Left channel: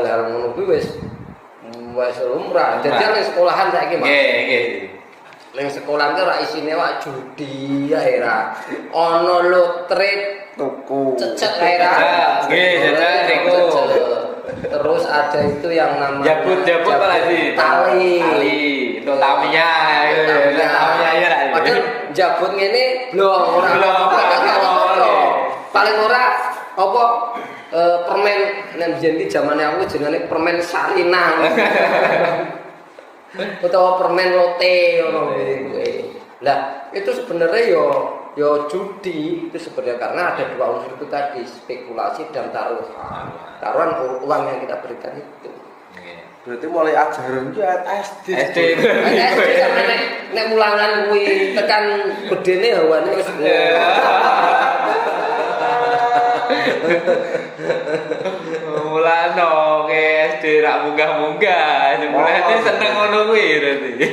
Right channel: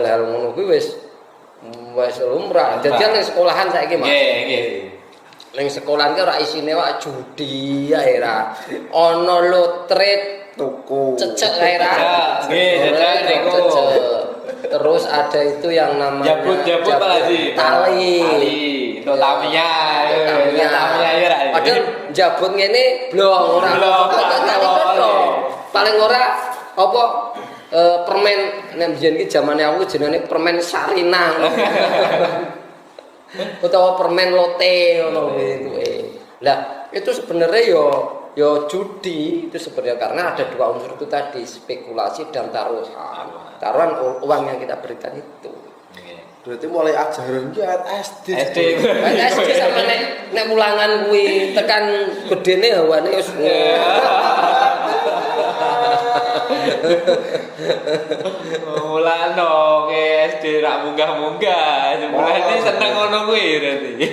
hal-hal ngono kuwi wis lumrah. Dadi ning sekolahan saiki Mas. Nggih. Ning sekolahan ki ora isine wae judi ae ra. Ana lotre tuku. cecek ae ra. Nggih, cecek niku. Terus ada itu yang namanya jabut lagi. Tali. Itu Tamiya ya lah. Padahal jabut ngene blong ora. Paling ora apa permen nang biyen ki zamane aku jenenge permen Sarinang. Utawa permen lote ngono kuwi. Lah, itu sebenarnya yo judi itu sebenarnya karena ada dua unsur itu tadi, spekulasi dan taruhan. Taruhan uang yang kita berikan itu. Berarti mulai ajaran ki SD. SD sampe nek mulangan kuwi tekan gedene hawane wis. Mulane SD rak munggah-munggah, mulane seneng ngono kuwi berarti.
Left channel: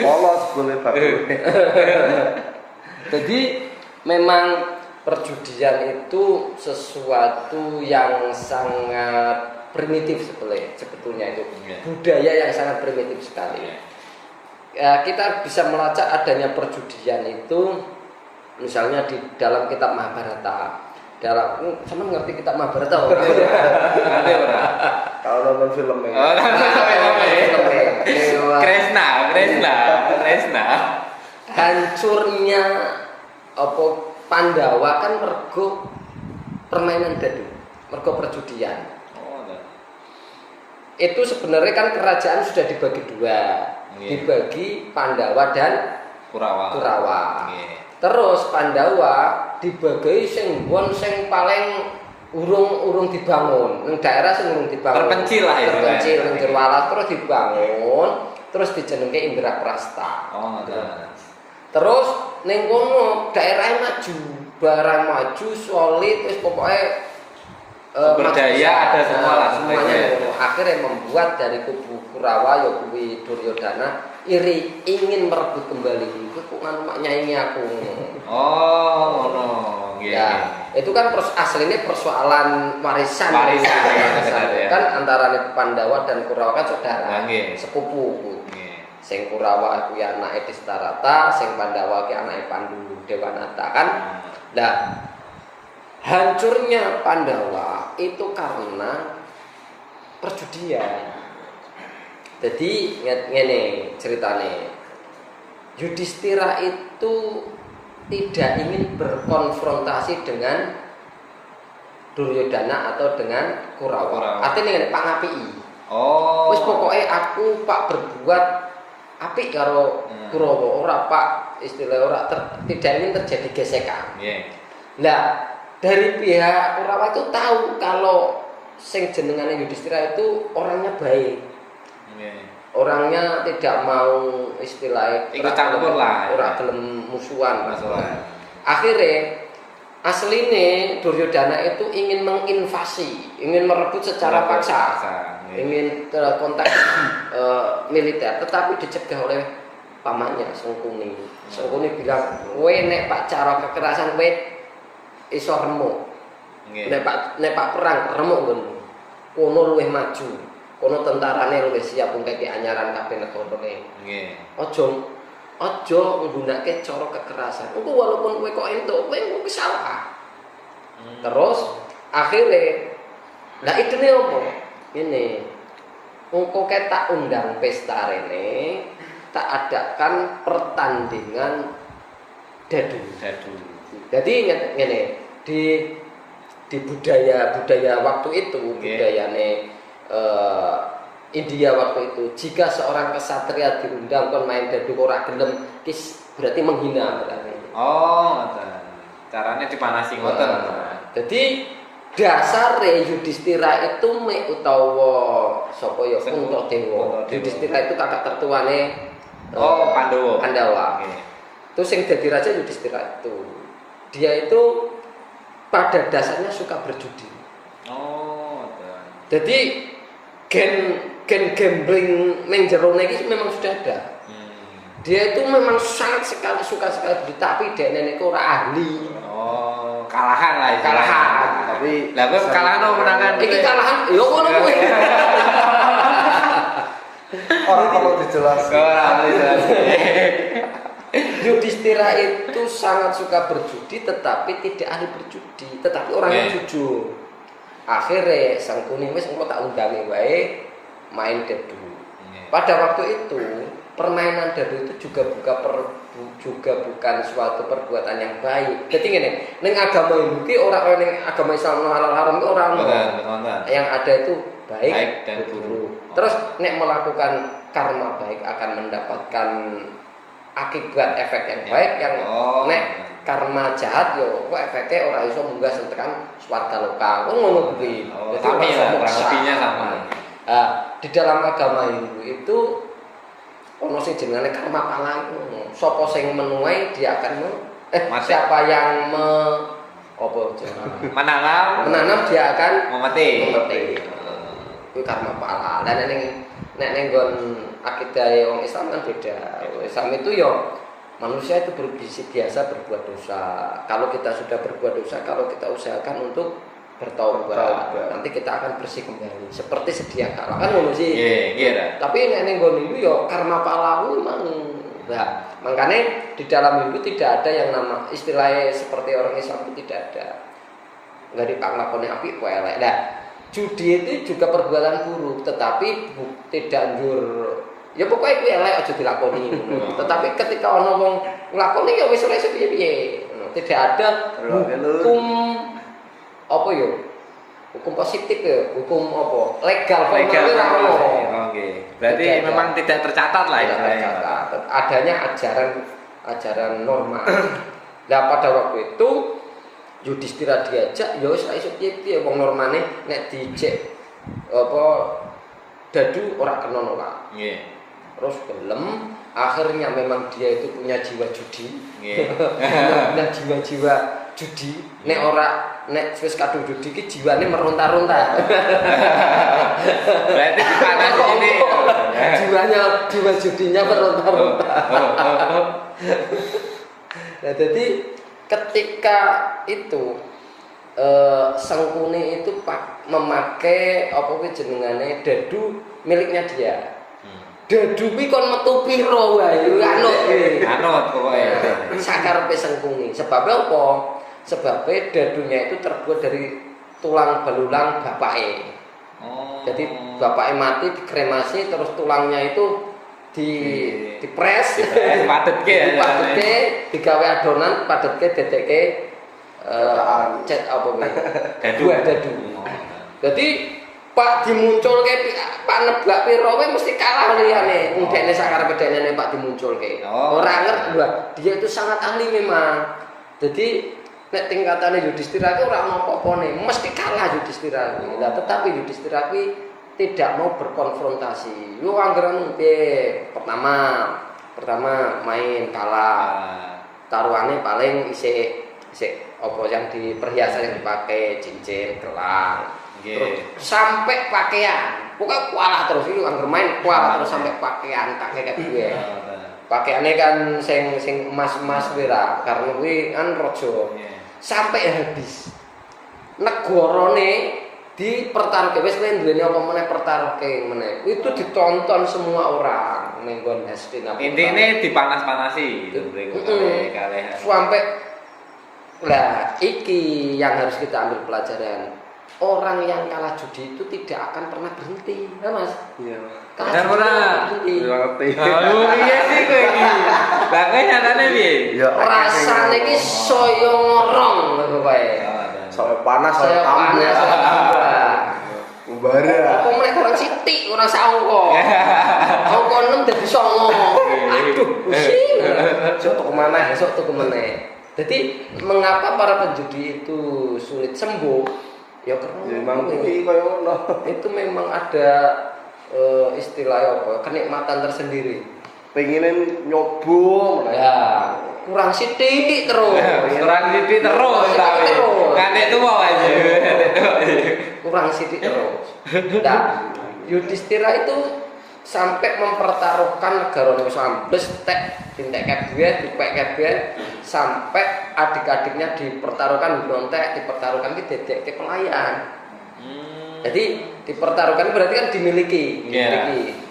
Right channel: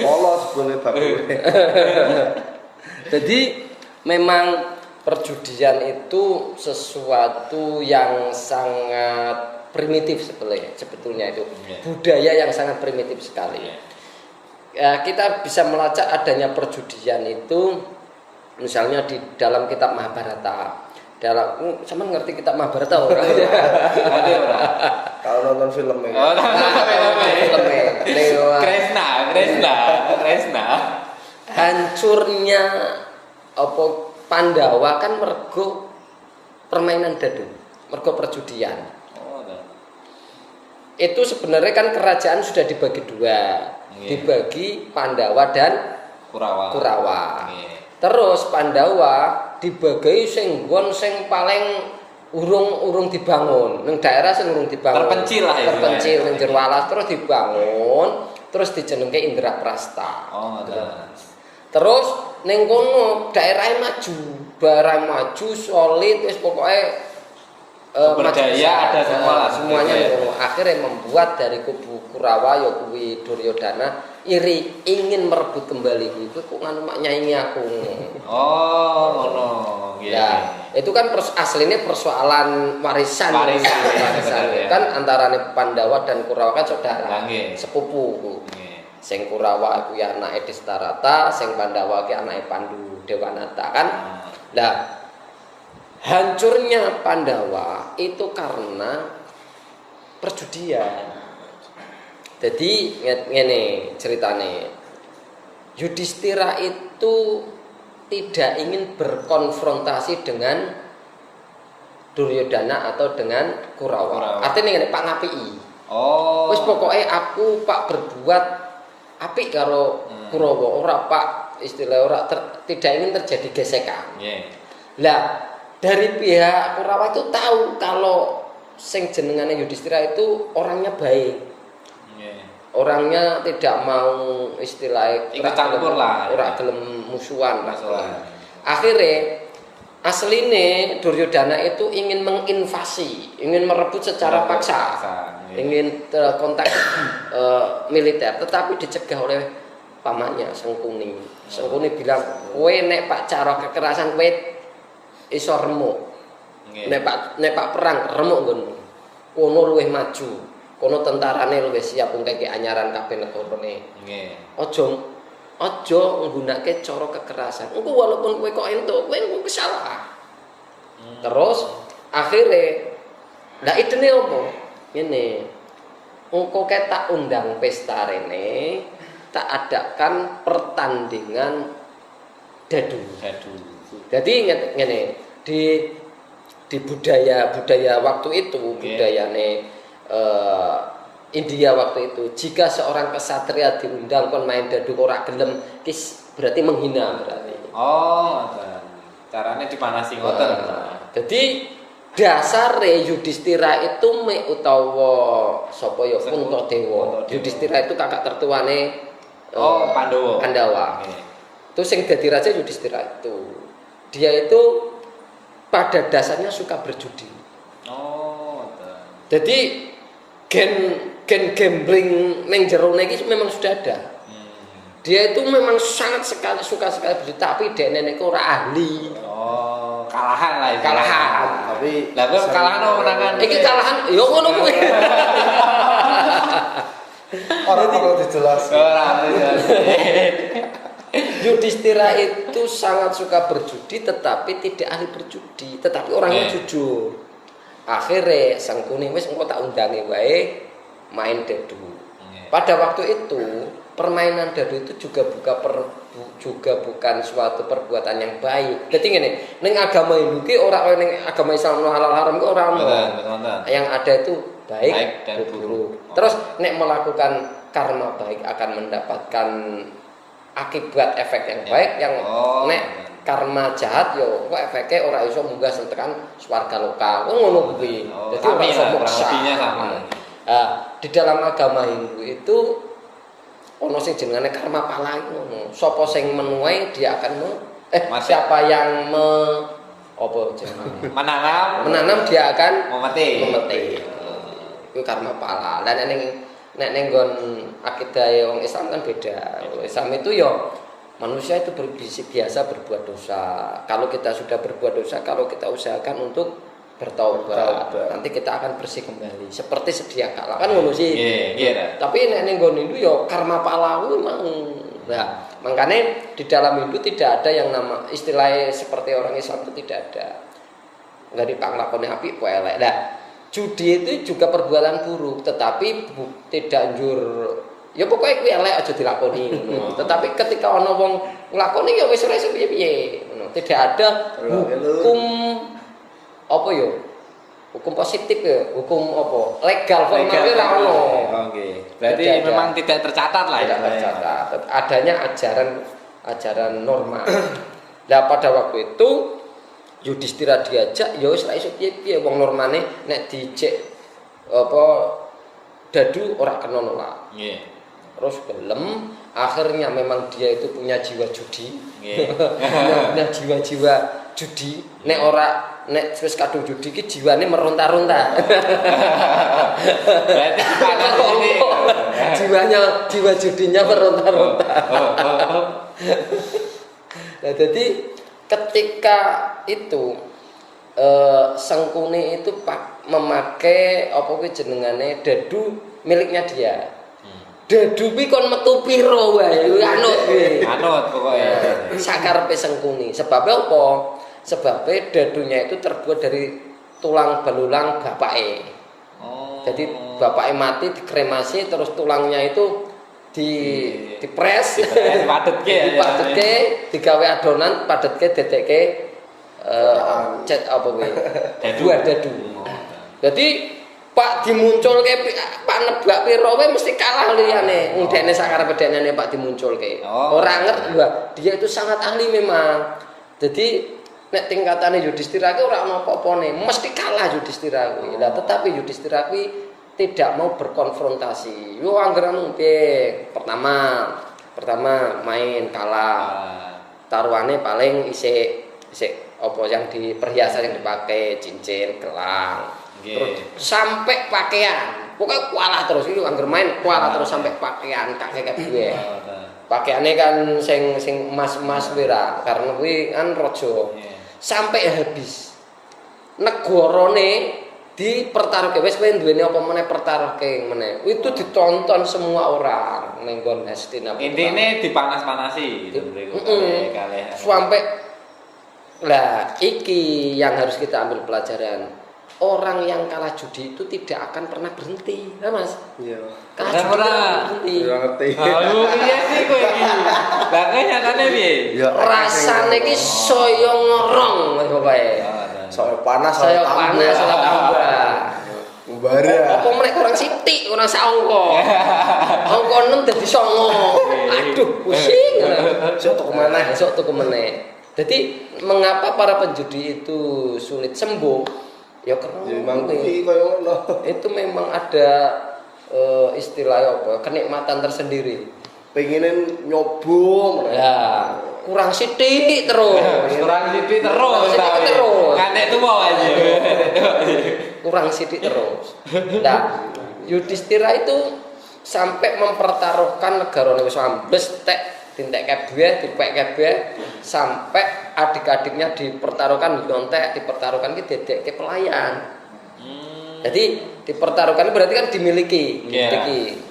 Polos boleh bagus. Jadi memang perjudian itu sesuatu yang sangat primitif sebetulnya itu. Budaya yang sangat primitif sekali. Ya, kita bisa melacak adanya perjudian itu misalnya di dalam kitab Mahabharata. Sama ngerti kitab Mahabharata orang? Ada ora? Kalau nonton filmnya. Oh, Kresna. Hancurnya apa Pandawa kan mergo permainan dadu, mergo perjudian. Itu sebenarnya kan kerajaan sudah dibagi dua, dibagi Pandawa dan Kurawa. Terus Pandawa dibagi sing paling urung dibangun, ning daerah sing urung dibangun. Terpencil lah ya. Terpencil ning jero alas terus dibangun, terus dijenengke Indraprasta. Terus ning kono daerah maju, barang maju solid wis pokoke berdaya ada semua lah semuanya. Akhirnya membuat dari kubu Kurawa ya kuwi Duryodana iri ingin merebut kembali itu kok nganu nyanyi aku. Oh, ngono. Ya, itu kan aslinya persoalan warisan. Kan antara Pandawa dan Kurawa kan saudara, sepupu. Sing Kurawa aku ya anake Destarata, sing Pandawa ki anake Pandu Dewanata kan. Nah, hancurnya Pandawa itu karena perjudian. Jadi ngene ceritane. Yudhistira itu tidak ingin berkonfrontasi dengan Duryodana atau dengan Kurawa. Artinya ngene Pak ngapiki. Wis pokoke aku Pak berbuat apik karo Kurawa, ora Pak istilah ora tidak ingin terjadi gesekan. Lah dari pihak Kurawa itu tahu kalau sing jenengane Yudhistira itu orangnya baik. Orangnya tidak mau istilahnya ikut campur lah, ora gelem musuhan. Akhirnya asline Duryodana itu ingin menginvasi, ingin merebut secara paksa, ingin kontak militer, tetapi dicegah oleh pamannya Sengkuni. Sengkuni bilang, kowe nek Pak cara kekerasan kowe iso remuk. Nek Pak perang remuk ngono. Kono luwih maju. Kono tentarane luwih siap ngkeki anyaran kabeh negarane. Aja nggunakake cara kekerasan. Engko walaupun kowe kok entuk, kowe salah. Terus akhirnya lah idene opo? Ngene. Engko tak undang pesta rene, tak adakan pertandingan dadu. Jadi ngene, di budaya waktu itu, budayane India waktu itu, jika seorang kesatria diundang kon main dadu ora gelem, berarti menghina berarti. Caranya dipanasi ngoten. Jadi dasare Yudhistira itu utawa sapa ya Puntadewa. Yudhistira itu kakak tertuane Pandawa. Itu sing dadi raja Yudhistira itu. Dia itu pada dasarnya suka berjudi. Jadi gen gambling ning jerone iki memang sudah ada. Dia itu memang sangat suka sekali berjudi, tapi dekne niku ora ahli. kalahan lah istilahnya. Kalahan. Tapi Lah kok kalahan apa menangan? Iki kalahan yo ngono kuwi. orang kalau dijelaskan. Ora jelas. Yudhistira itu sangat suka berjudi tetapi tidak ahli berjudi, tetapi orangnya jujur. Akhirnya Sangkuni wis engko tak undangi wae main dadu. Pada waktu itu permainan dadu itu juga bukan suatu perbuatan yang baik. Jadi ngene, ning agama Hindu ki ora kaya ning agama Islam halal haram ki ora ono. Yang ada itu baik dan buruk. Terus nek melakukan karma baik akan mendapatkan akibat efek yang baik, yang nek karma jahat yo kok efeknya ora iso munggah sentekan swarga loka. Ngono kuwi. Dadi kurang lebihnya sama. Di dalam agama Hindu itu ono sing jenenge karma pala ngono. Sapa sing menuai dia akan siapa yang menanam dia akan memeti. Itu karma pala. Lah nek ning nggon akidah wong Islam kan beda. Islam itu ya manusia itu biasa berbuat dosa. Kalau kita sudah berbuat dosa, kalau kita usahakan untuk bertaubat, nanti kita akan bersih kembali seperti sedia kala. Kan ngono sih. Iya. Tapi nek ning nggon Hindu ya karma pala memang. Nah, makanya di dalam Hindu tidak ada yang nama istilahnya seperti orang Islam itu tidak ada. Enggak dipanglakoni apik kok elek. Nah, judi itu juga perbuatan buruk, tetapi tidak anjur. Ya pokoknya kuwi elek aja dilakoni. Tetapi ketika ana wong nglakoni ya wis ora iso piye-piye. Tidak ada hukum apa ya? Hukum positif ya, hukum apa? Legal ora ono. Oke. Berarti memang tidak tercatat lah ya. Adanya ajaran norma. Nah, pada waktu itu Yudhistira diajak ya wis ra iso piye-piye wong normane nek dijek apa dadu ora kena nolak. Nggih. Terus gelem, akhirnya memang dia itu punya jiwa judi. Nggih. Punya jiwa-jiwa judi. Nek wis kadung judi ki jiwane meronta-ronta. Berarti panas ini. Jiwa judinya meronta-ronta. Nah, jadi ketika itu Sangkuni itu memakai apa kuwi jenengane dadu miliknya dia. Dadu kuwi kon metu pira wae anut kuwi. Anut pokoke. Sakarepe Sangkuni. Sebab apa? Sebab dadunya itu terbuat dari tulang belulang bapake. Jadi bapake mati dikremasi terus tulangnya itu dipres, dipadetke, digawe adonan, padetke, dedekke cet apa kuwi? Dadu. Jadi Pak dimunculke Pak nebak pira wae mesti kalah liyane. Ndekne sakarepe dekne Pak dimunculke. Ora ngerti, dia itu sangat ahli memang. Jadi nek tingkatane Yudhistira ki ora ono apa-apane, mesti kalah Yudhistira kuwi. Lah tetapi Yudhistira kuwi tidak mau berkonfrontasi. Yo anggere piye? Pertama main kalah. Taruhane paling isih apa yang di perhiasan yang dipakai, cincin, gelang. Sampai pakaian. Pokoknya kualah terus iki anggere main kualah terus sampai pakaian kakek gue. Pakaiane kan sing emas-emas kuwi ra, karena kuwi kan raja. Sampai habis. Negarane dipertaruhke wis kowe duweni apa meneh pertaruhke meneh. Itu ditonton semua orang ning nggon Hastinapura. Intine dipanas-panasi kalih. Sampai lah iki yang harus kita ambil pelajaran. Orang yang kalah judi itu tidak akan pernah berhenti, ya Mas? Iya. Kalah judi berhenti. Ya ngerti. Halo, iya sih kowe iki. Lah kowe nyatane piye? Ya rasane iki saya ngorong ngono bae. Soal panas saya tambah. Ubare. Apa meneh kurang sithik, ora sangka. Angka 6 dadi 9. Aduh, pusing. Sok tuku meneh. Jadi mengapa para penjudi itu sulit sembuh? Ya memang kuwi koyo ngono. Itu memang ada istilah apa? Kenikmatan tersendiri. Pengen nyoba ya kurang sithik terus. Nganek tuwa aja. Kurang sithik terus. Nah, Yudhistira itu sampai mempertaruhkan negarane wis ambles tek dintek kabeh dipek kabeh sampai adik-adiknya dipertaruhkan nyontek dipertaruhkan ki dedekke pelayan. Jadi dipertaruhkan berarti kan dimiliki.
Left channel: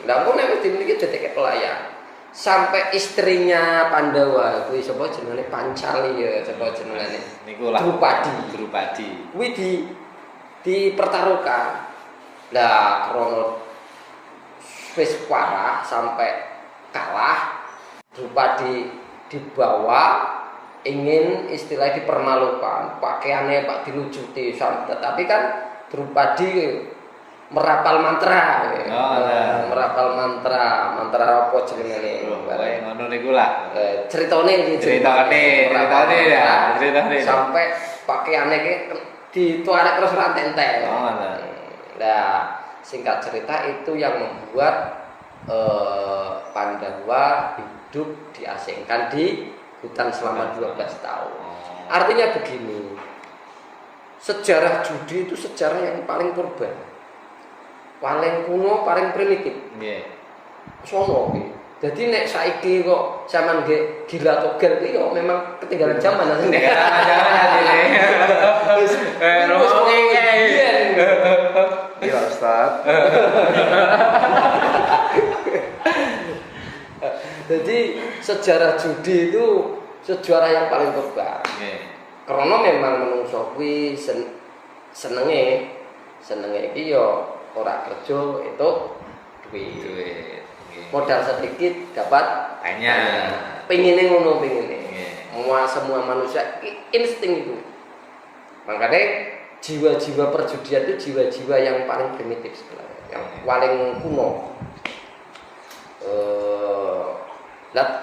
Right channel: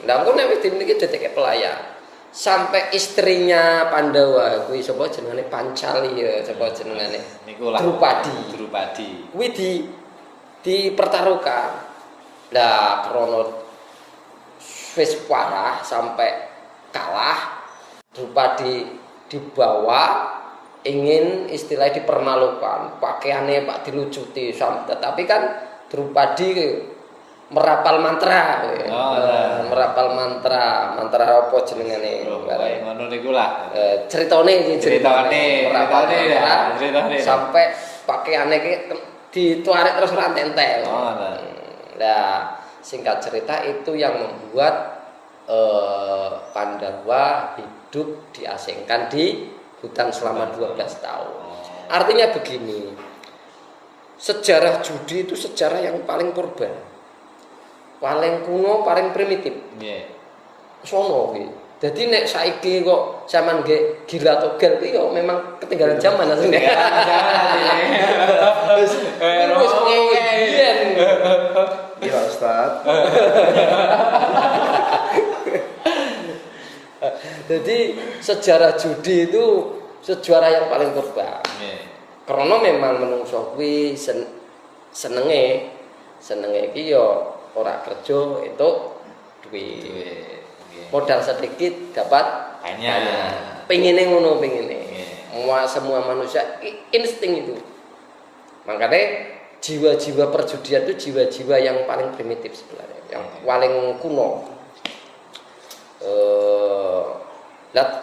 Lah engko nek wis dimiliki dedekke pelayan. Sampai istrinya Pandawa kuwi sapa jenenge Pancali ya sapa jenenge niku lah Drupadi kuwi dipertaruhkan. Lah krono wis parah sampai kalah Drupadi dibawa ingin istilahnya dipermalukan pakaiannya Pak dilucuti tetapi kan Drupadi merapal mantra merapal mantra apa jenengane ngono niku lah ceritane sampai pakaiannya ki dituarek terus ora entek. Nah, singkat cerita itu yang membuat Pandawa hidup diasingkan di hutan selama 12 tahun. Artinya begini, sejarah judi itu sejarah yang paling purba, paling kuno, paling primitif. Sono ki. Jadi nek saiki kok sampean nggih gila togel iki yo memang ketinggalan zaman asline. Ya Ustaz. Jadi sejarah judi itu sejarah yang paling purba. Karena memang menungso kuwi senenge iki yo ora kerja itu duit. Modal sedikit dapat banyak. Pengine ngono pengine. Semua manusia insting itu. Makanya jiwa-jiwa perjudian itu jiwa-jiwa yang paling primitif sebenarnya, yang paling kuno.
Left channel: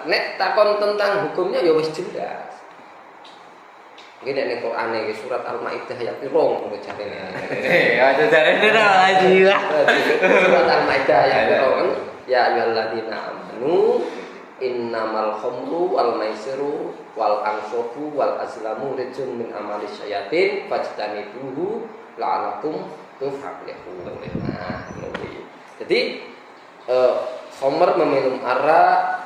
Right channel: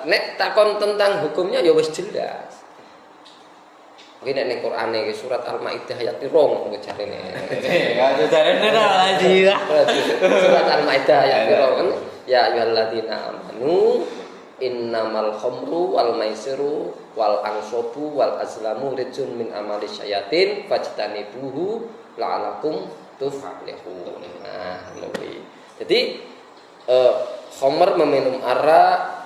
Nek takon tentang hukumnya ya wis jelas. Iki nek ning Quran iki surat Al-Maidah ayat 2 kok jarene. Aja jarene ora jiwa. Surat Al-Maidah ayat 2. Ya ayyuhalladzina amanu innamal khamru wal maisiru wal ansabu wal azlamu rijsun min amali syayatin fajtanibuhu la'alakum tuflihun. Nah, lebih. Jadi khamr meminum arak,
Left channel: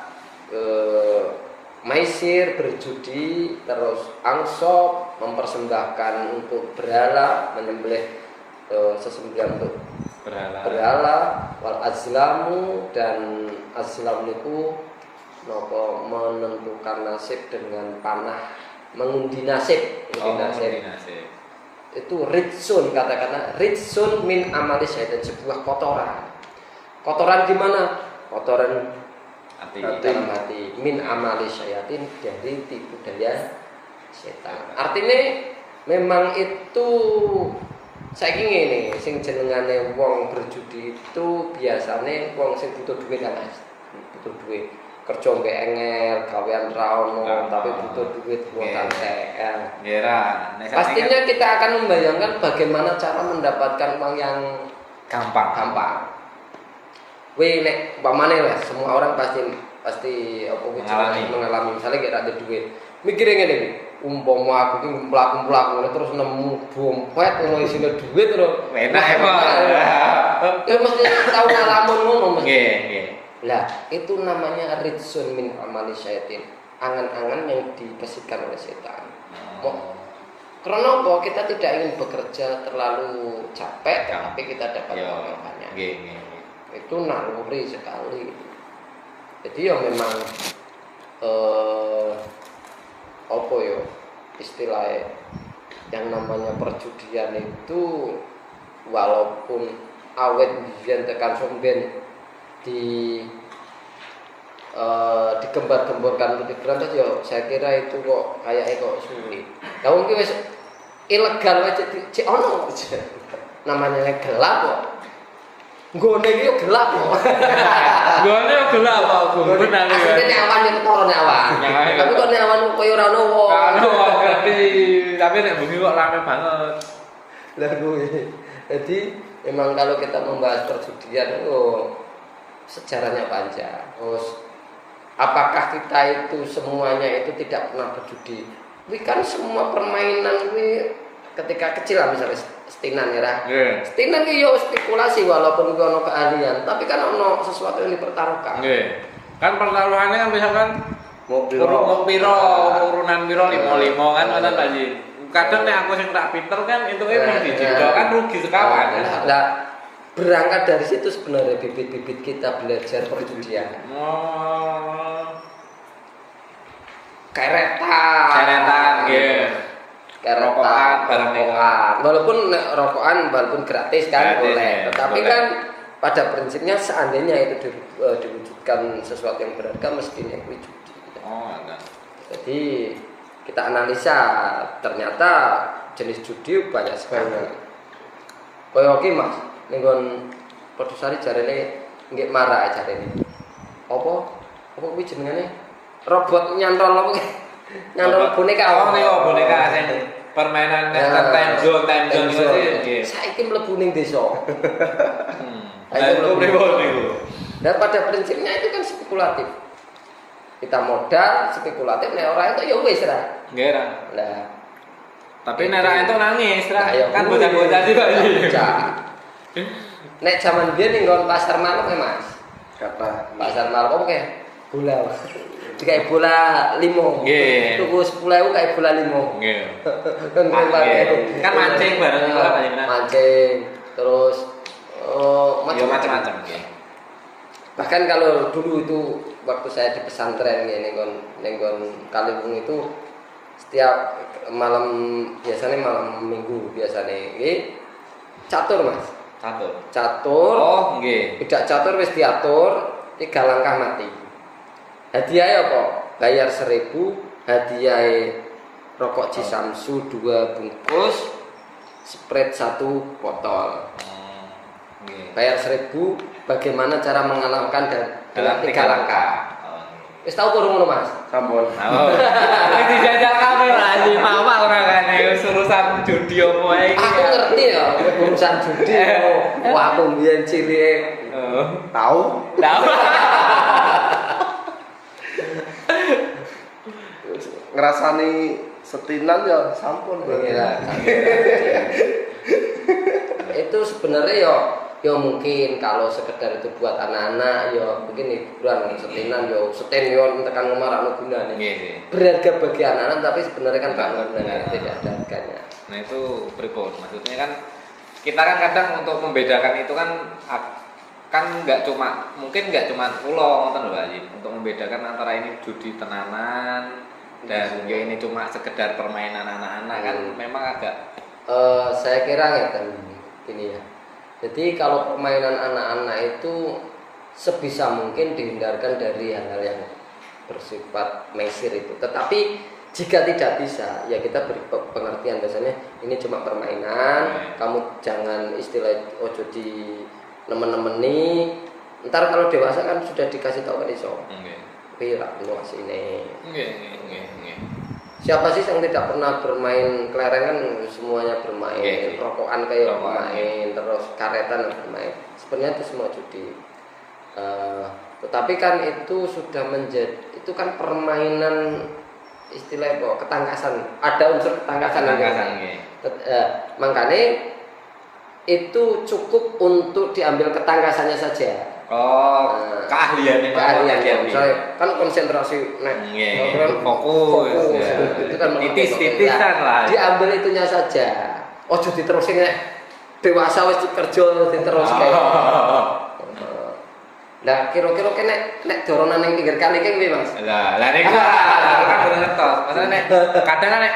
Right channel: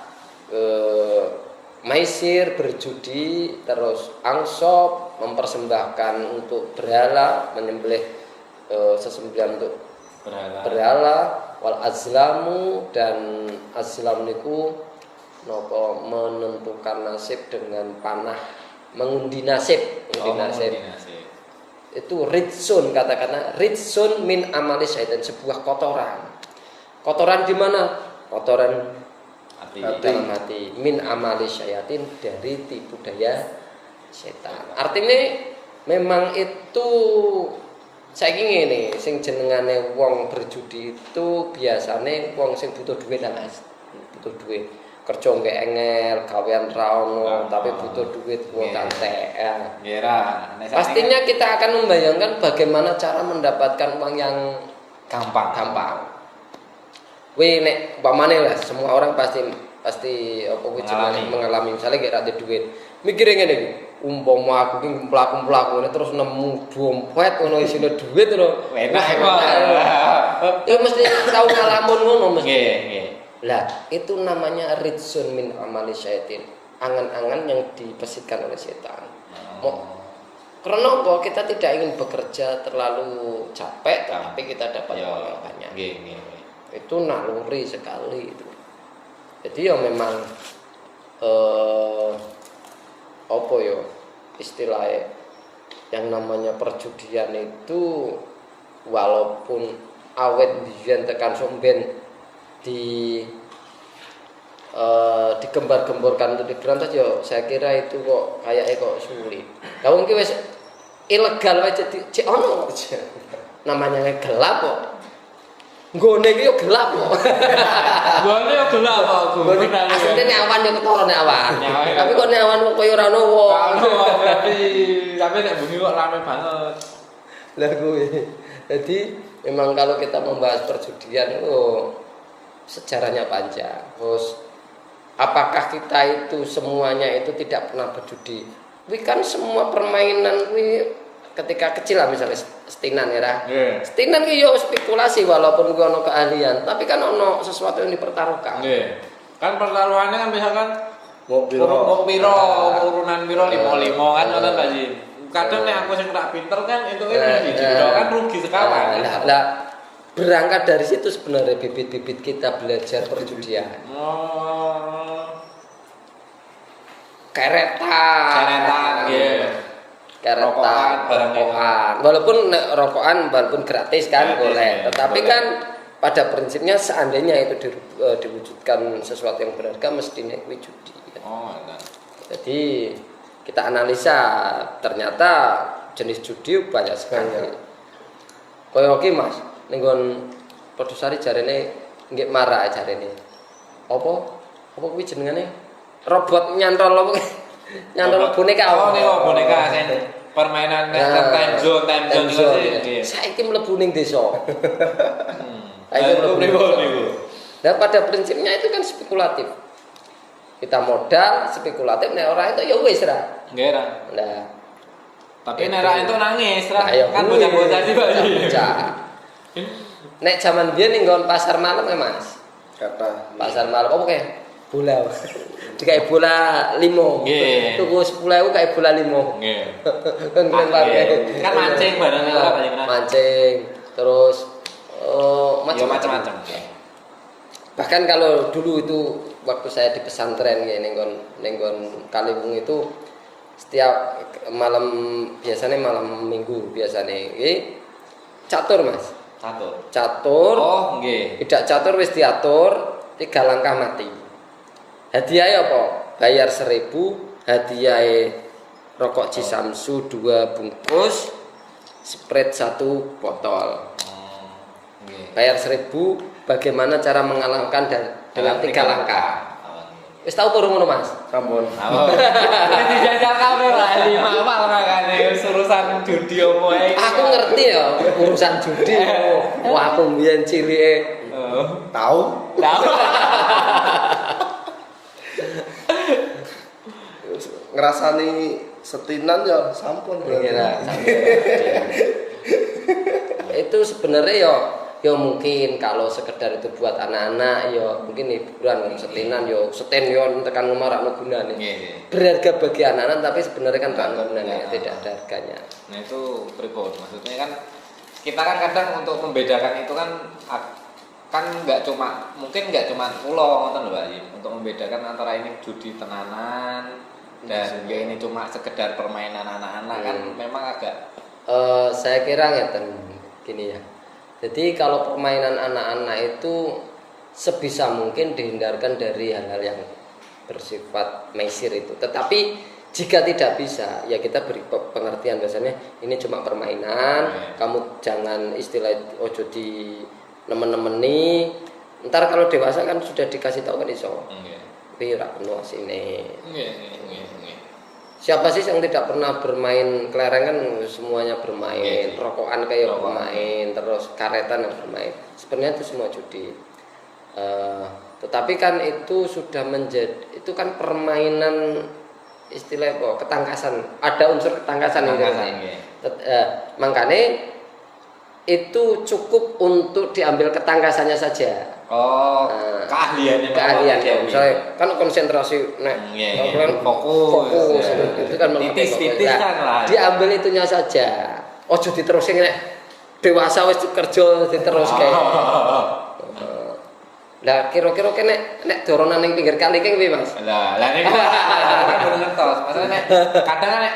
maisir berjudi, terus ansab mempersembahkan untuk berhala, menyembelih sesembelihan untuk berhala, wal azlamu dan azlam niku napa menentukan nasib dengan panah, mengundi nasib. Itu ritsun, kata-kata ritsun min amali syaitan, sebuah kotoran. Kotoran di mana? Kotoran hati. Min amali syaitin, dari tipu daya setan. Artinya memang itu saiki ngene, sing jenengane wong berjudi itu biasane wong sing butuh duit lah Mas. Butuh duit. Kerja mbek engel, gawean ra ono, tapi butuh duit buat TL. Pastinya kita akan membayangkan bagaimana cara mendapatkan uang yang gampang. Nek umpamane lah, semua orang pasti apa mengalami misalnya gak ada duit. Mikire ngene iki, umpama aku ki mlaku-mlaku terus nemu dompet ono isine duit terus enak emang. Ya mesti tau ngalamun ngono mesti. Nggih. Lah, itu namanya ritsun min amali syaitin. Angan-angan yang dipersitkan oleh setan. Karena apa? Kita tidak ingin bekerja terlalu capek, tapi kita dapat uang banyak. Itu naluri sekali itu. Jadi ya memang apa ya istilahnya yang namanya perjudian itu walaupun awet biyen tekan somben digembar-gemborkan untuk diberantas ya saya kira itu kok kayaknya kok sulit. Ya mungkin wis ilegal aja cek ono namanya gelap kok. Nggone iki gelap kok. Nggone gelap kok, bener ya. Asline awan yo ketara nek awan. Tapi kok nek awan koyo ora ono wong. Tapi nek bengi kok rame banget. Lah kuwi. Jadi memang kalau kita membahas perjudian sejarahnya panjang. Terus apakah kita itu semuanya itu tidak pernah berjudi? Tapi kan semua permainan ini ketika kecil lah misalnya setinan ya. Nggih. Setinan ki yo spekulasi walaupun ki ono keahlian, tapi kan ono sesuatu yang dipertaruhkan. Nggih. Kan pertaruhannya kan misalkan Mau urut piro, urunan piro 55 kan Iya. ngoten Pak Ji. Kadang nek aku sing tak pinter kan entuke Iya. biji kan rugi sekawan. Nah, berangkat dari situ sebenarnya bibit-bibit kita belajar perjudian. Oh. Keretan, nggih. Rokokan, barang rokokan. Walaupun gratis kan Gratis, boleh. ya, Tetapi boleh. kan pada prinsipnya seandainya itu diwujudkan sesuatu yang berharga mestinya kuwi judi. Oh, enggak. Jadi kita analisa ternyata jenis judi banyak sekali. Kaya iki Mas, ning nggon Podosari jarene nggih marah jarene. Apa kuwi jenengane? Robot nyantol apa? Nyantol boneka. Oh, niku boneka sing permainan time zone nggih. Saiki mlebu ning desa. Ayo pripun niku? Dan pada prinsipnya itu kan spekulatif. Kita modal spekulatif, nek ora itu ya wis ra. Nggih, Ra. Nah, Tapi nek ra entuk nangis, Ra. Nah, ya Kan kuwi. bocah-bocah iki, Pak Ji. Bocah. Nek zaman biyen ning nggon pasar malam ya, Mas. Kata Pasar malam apa kayak bola. Dikai bola 5. Nggih. Tuku 10.000 kayak bola 5. Nggih. Kan Kan mancing bareng itu Pak Ji. Mancing. Terus Ya macam-macam nggih. bahkan kalau dulu itu waktu saya di pesantren ya nenggon Kaliwung itu setiap malam biasanya malam minggu biasanya ini catur Mas. Catur. Oh, nggih. Tidak catur wis diatur 3 langkah mati. Hadiahnya apa? Bayar 1.000, hadiahnya rokok Cisamsu 2 bungkus, Sprite 1 botol. Nggih. Bayar 1.000, bagaimana cara mengalahkan dalam 3 langkah. Oh, nggih. Wis tau kurang ngono Mas? sampun. Oh. Wis dijajal kabeh Pak Ji, apa ora kane urusan judi opo ae iki. Aku ngerti ya urusan judi. Wah, aku mbiyen cilike. Oh. Tahu? Tahu. Ngerasani setinan ya sampun. Iya. Itu sebenarnya ya mungkin kalau sekedar itu buat anak-anak ya mungkin hiburan setinan ya seten yo tekan ngomar gunane. Nggih. Berharga bagi anak-anak tapi sebenarnya kan Enggak, gunanya enggak. tidak ada harganya. Nah itu pripun? Maksudnya kan kita kan kadang untuk membedakan itu kan nggak cuma pulau ngoten lho Pak Haji. Untuk membedakan antara ini judi tenanan dan ya ini cuma sekedar permainan anak-anak kan memang agak Saya kira gini ya. Jadi kalau permainan anak-anak itu sebisa mungkin dihindarkan dari hal-hal yang bersifat mesir itu. Tetapi jika tidak bisa, ya kita beri pengertian biasanya ini cuma permainan. Kamu jangan istilah ojo di nemen-nemeni. Ntar kalau dewasa kan sudah dikasih tahu kan iso. Pira penuh asine. Siapa sih yang tidak pernah bermain kelereng kan semuanya bermain, rokokan kayak bermain, terus karetan yang bermain. Sebenarnya itu semua judi. Tetapi kan itu sudah itu kan permainan istilah apa? Ketangkasan. Ada unsur ketangkasan. Makanya itu cukup untuk diambil ketangkasannya saja. Oh, keahlian Misalnya kan konsentrasi fokus itu kan titis-titisan lah. Diambil itunya saja. Ojo diterusin nek dewasa wis kerja diteruske. Lah kira-kira nek doronan ning pinggir kali kene piye Mas? Lah niku kan baru ngertos. Maksudnya nek kadang kan nek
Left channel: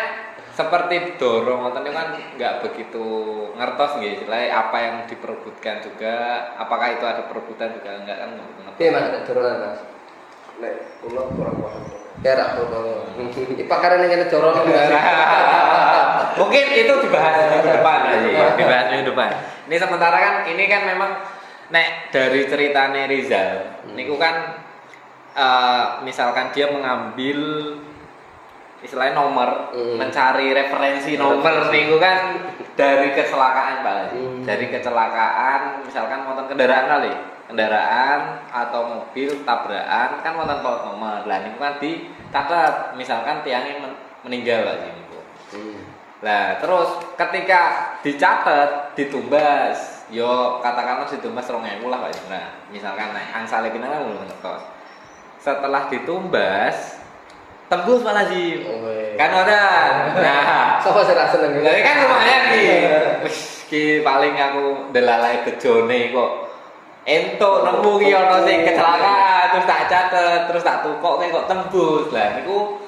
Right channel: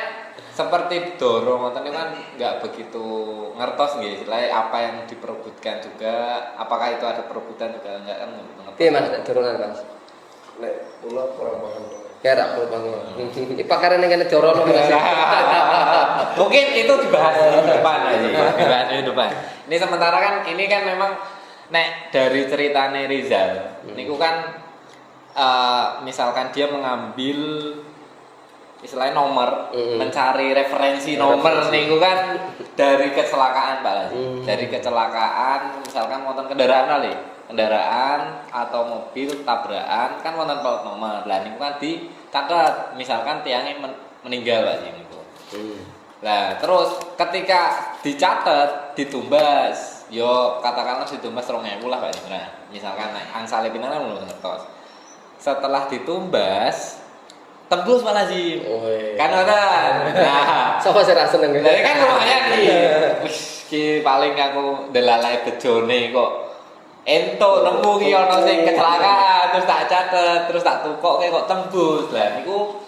seperti dorong ngoten niku kan enggak begitu ngertos nggih istilahnya apa yang diperebutkan juga, apakah itu ada perebutan juga enggak kan ngertos. Piye Mas nek doronan Mas? Nek kula kurang paham. Kira iki pakaran ning kene doronan. Mungkin itu dibahas minggu depan aja. Dibahas minggu depan. Ini sementara kan ini kan memang nek dari ceritane Rizal niku kan misalkan dia mengambil istilahnya nomor, mencari referensi nomor niku kan dari kecelakaan Pak Haji. Dari kecelakaan misalkan wonten kendaraan atau mobil tabrakan kan wonten plot nomor. Lah niku kan dicatat misalkan tiangnya meninggal Pak Haji niku. Lah terus ketika dicatat, ditumbas, yo katakanlah ditumbas 2.000 lah Pak Indra. Misalkan angsale pinang kan belum ngetos. Setelah ditumbas tembus Pak Lazim. Kan ora. Nah, Sapa sing ra seneng? jadi kan lumayan nih. Wis ki paling aku delalai bejone kok. Entuk nemu ki ana sing kecelakaan terus tak catet, terus tak tukokke kok tembus. Lah niku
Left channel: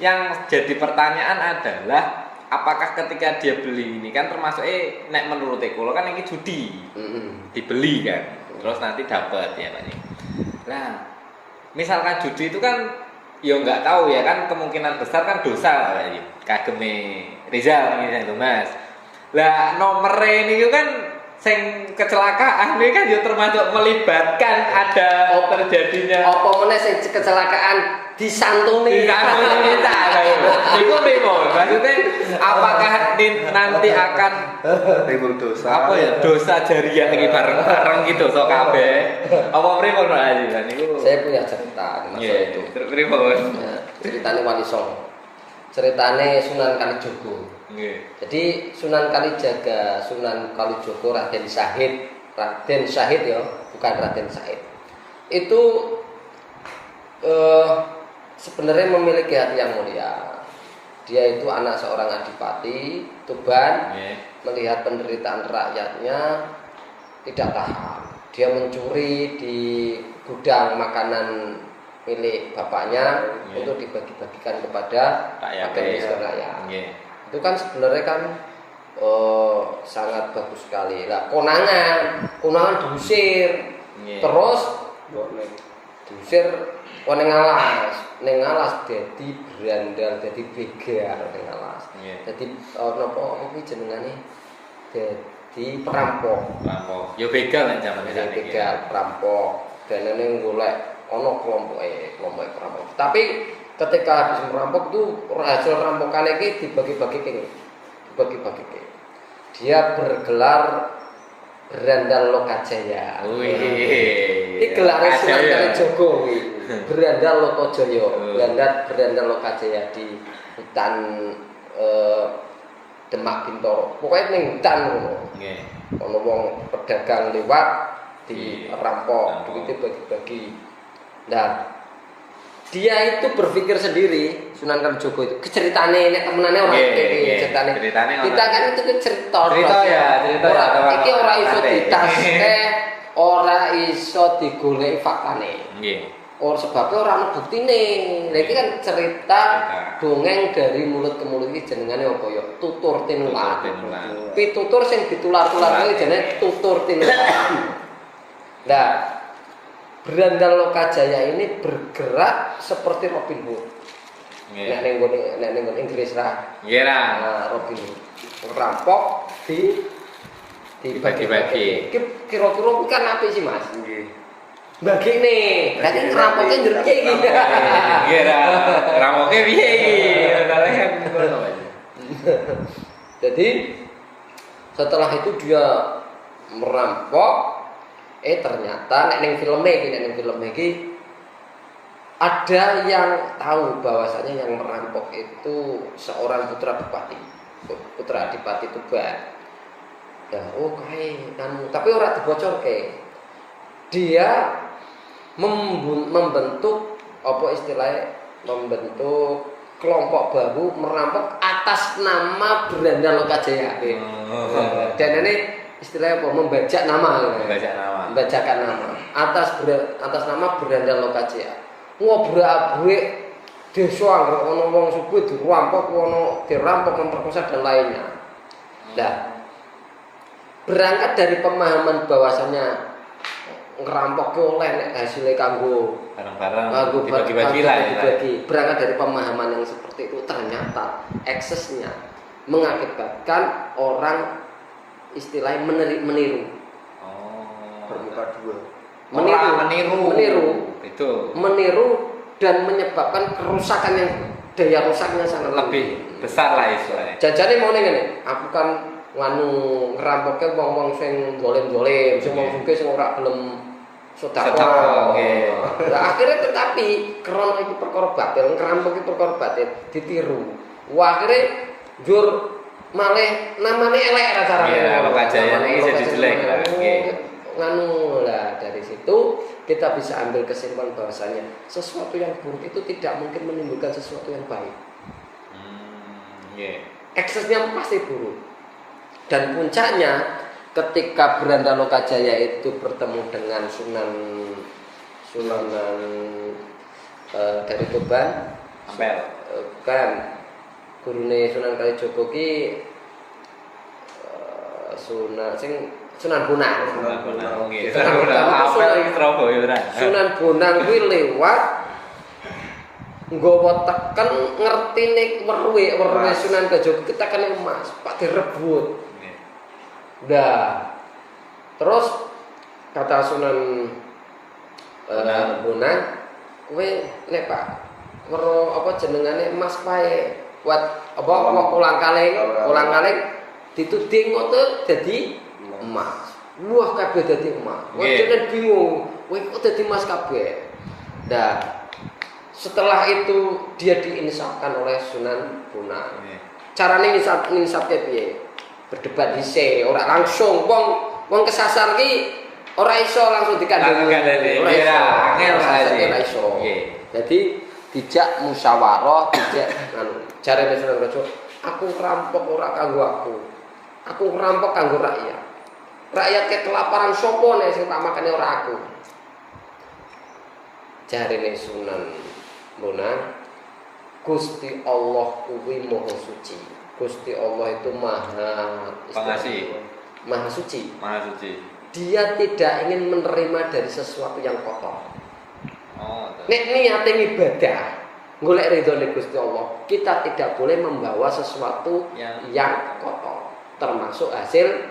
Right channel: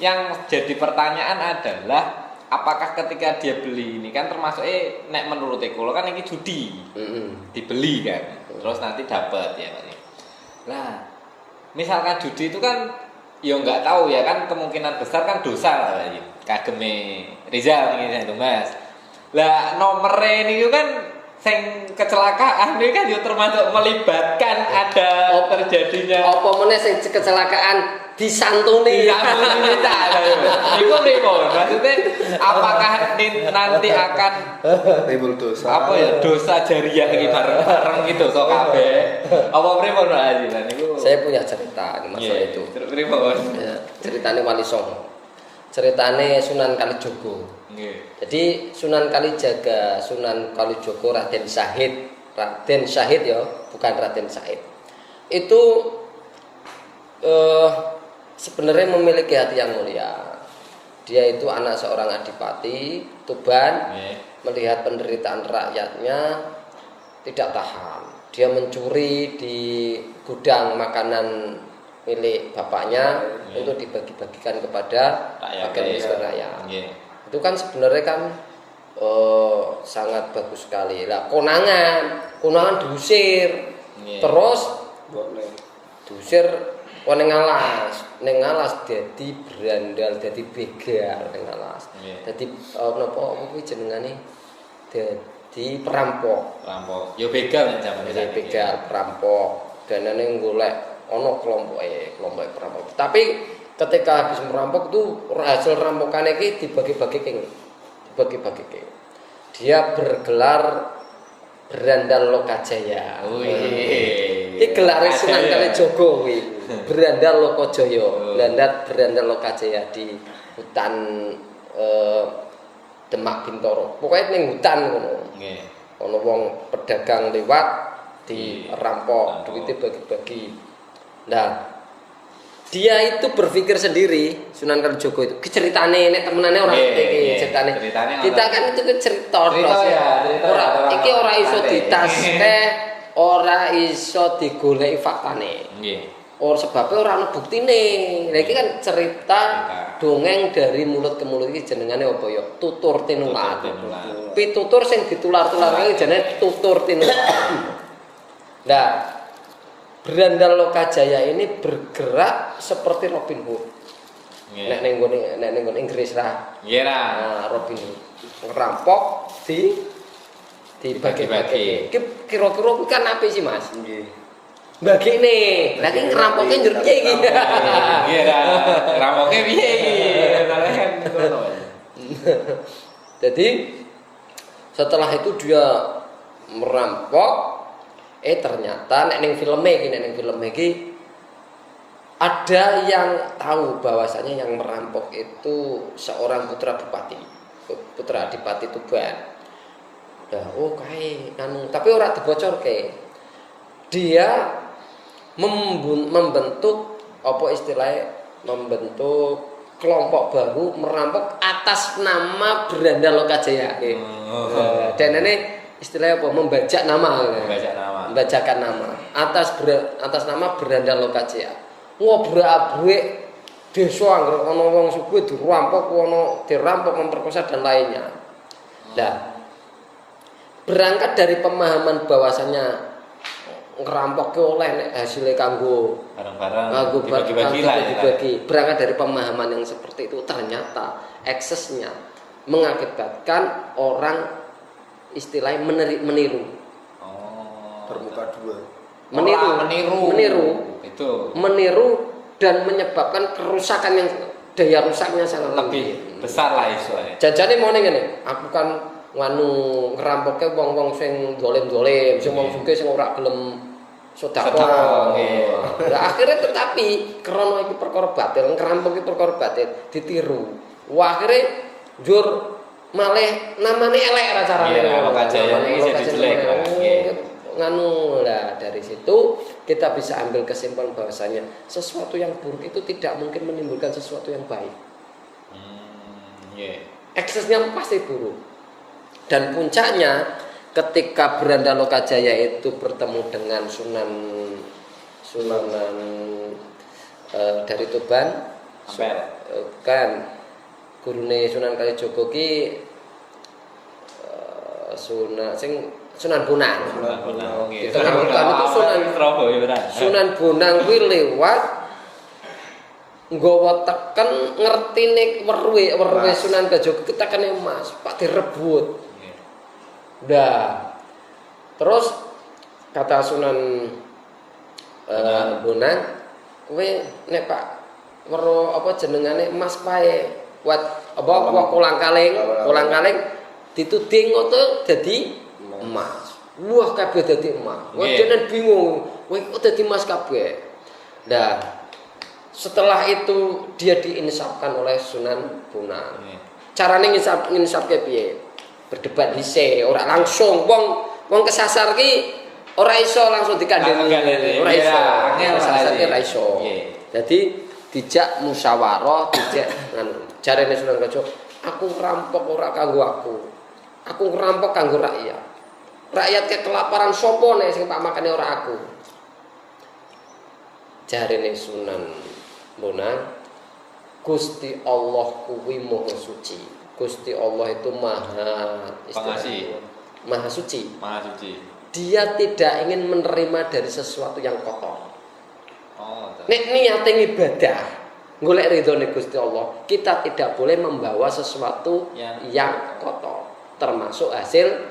yang jadi pertanyaan adalah apakah ketika dia beli ini kan termasuk nek menurut kula kan ini judi. Dibeli kan. Terus nanti dapat ya Pak. Nah, misalkan judi itu kan ya nggak tahu ya kan kemungkinan besar kan dosa lah ya. Kageme Rizal ini yang Mas. Lah nomor ini kan sing kecelakaan ini kan juga termasuk melibatkan ada terjadinya Apa meneh sing kecelakaan disantuni. disantuni kita itu pripun maksudnya apakah nanti akan timbul dosa. apa ya dosa jariah iki bareng-bareng gitu so kabeh apa pripun Pak Haji lan niku Saya punya cerita di masalah itu. pripun Ya, ceritanya Wali Songo. Ceritanya Sunan Kalijogo. nggih Jadi Sunan Kalijaga, Sunan Kalijogo, Raden Syahid ya, bukan Raden Syahid. Itu sebenarnya memiliki hati yang mulia. Dia itu anak seorang adipati Tuban, melihat penderitaan rakyatnya tidak tahan. Dia mencuri di gudang makanan milik bapaknya untuk dibagi-bagikan kepada rakyat. Itu kan sebenarnya kan sangat bagus sekali. Lah konangan diusir. Terus diusir ning alas dadi berandal, dadi begal ning alas. Dadi napa kuwi jenengane? Dadi perampok. Yo begal nek jaman Jadi begal, perampok. Danane golek ana kelompoke perampok. Tapi ketika habis merampok itu hasil rampokan iki dibagi-bagi. Dia bergelar Berandal Lokajaya. Iki gelare Sunan Kalijogo kuwi. Berandal Lokajaya, Berandal Lokajaya di hutan Demak Bintoro. Pokoknya ning hutan ngono. Nggih. Ono wong pedagang lewat dirampok, duitnya bagi-bagi. Nah, dia itu berpikir sendiri Sunan Kalijogo itu ceritane nek temenane ora iki ceritane. Kita kan itu cerita ya. Iki ora iso ditaske, ora iso digoleki faktane. Nggih. Oh sebabnya ora ana buktine. Lah iki kan cerita dongeng dari mulut ke mulut iki jenengane apa ya? Tutur tinular. Pitutur sing ditular-tular iki jenenge tutur tinular. Nah, Berandal Lokajaya ini bergerak seperti Robin Hood. Nek ning Inggris lah. Nggih ra. Nah, Robin Hood. Rampok dibagi-bagi. Kira-kira kan apa sih, Mas? Nggih. Bagine. Berarti ngerampoknya njerke iki. Nggih ra. Rampoknya piye iki? Kalian ngono aja. Jadi setelah itu dia merampok ternyata nek ning film iki ada yang tahu bahwasanya yang merampok itu seorang putra bupati, putra adipati Tuban. Ya, kae tapi ora dibocorke. Dia membentuk apa istilahnya membentuk kelompok baru merampok atas nama Berandal Lokajaya. Dan ini istilahnya apa? Membajakan nama atas nama Berandal Lokajaya. Ngobrak-abrik desa anggere ana wong sugih dirampok, dirampok, memperkosa dan lainnya. Nah, berangkat dari pemahaman bahwasanya ngerampok oleh hasilnya kanggo barang-barang dibagi-bagi. Berangkat dari pemahaman yang seperti itu ternyata eksesnya mengakibatkan orang istilahnya meniru. Bermuka dua. Meniru dan menyebabkan kerusakan yang daya rusaknya sangat lebih besar lah istilahnya. Jajane mau ngene, aku kan ngerampoke wong-wong sing dolim-dolim, sing wong sugih sing ora gelem sedekah. Lah akhirnya tetapi krana iku perkara batil, ngerampok iku perkara batil, ditiru. Wah akhirnya njur malah namanya elek carane. Iya, Lokajaya ini jadi jelek lah. Nganu lah, dari situ kita bisa ambil kesimpulan bahwasanya sesuatu yang buruk itu tidak mungkin menimbulkan sesuatu yang baik. Eksesnya pasti buruk. Dan puncaknya ketika Beranda Lokajaya itu bertemu dengan Sunan dari Tuban, Ampel. Kan gurune Sunan Kalijaga ki Sunan Bonang. Sunan Bonang kuwi lewat nggawa teken ngertine weruhe Sunan Kalijaga kita kene emas, Pak direbut. Udah. Terus kata Sunan Bonang, kowe nek Pak weruh apa jenengane emas wae, kuat apa kolang-kaling dituding ngono dadi emas. Wah kabeh dadi emas. Wah dene bingung, kowe kok dadi emas kabeh. Nah, setelah itu dia diinsafkan oleh Sunan Bonang. Carane nginsafke piye? Berdebat dhisik, ora langsung wong kesasar ki ora iso langsung dikandani. Ora iso. Ora iso. Jadi dijak musyawarah, dijak jarene Sunan Kalijaga, aku ngerampok ora kanggo aku. Aku ngerampok kanggo rakyat. Rakyat kelaparan sapa nek sing tak makane ora aku. Jarene Sunan Bonang, Gusti Allah kuwi maha suci. Gusti Allah itu maha pengasih, maha suci. Maha suci. Dia tidak ingin menerima dari sesuatu yang kotor. Nek niate ibadah, golek ridhone Gusti Allah, kita tidak boleh membawa sesuatu yang kotor, termasuk hasil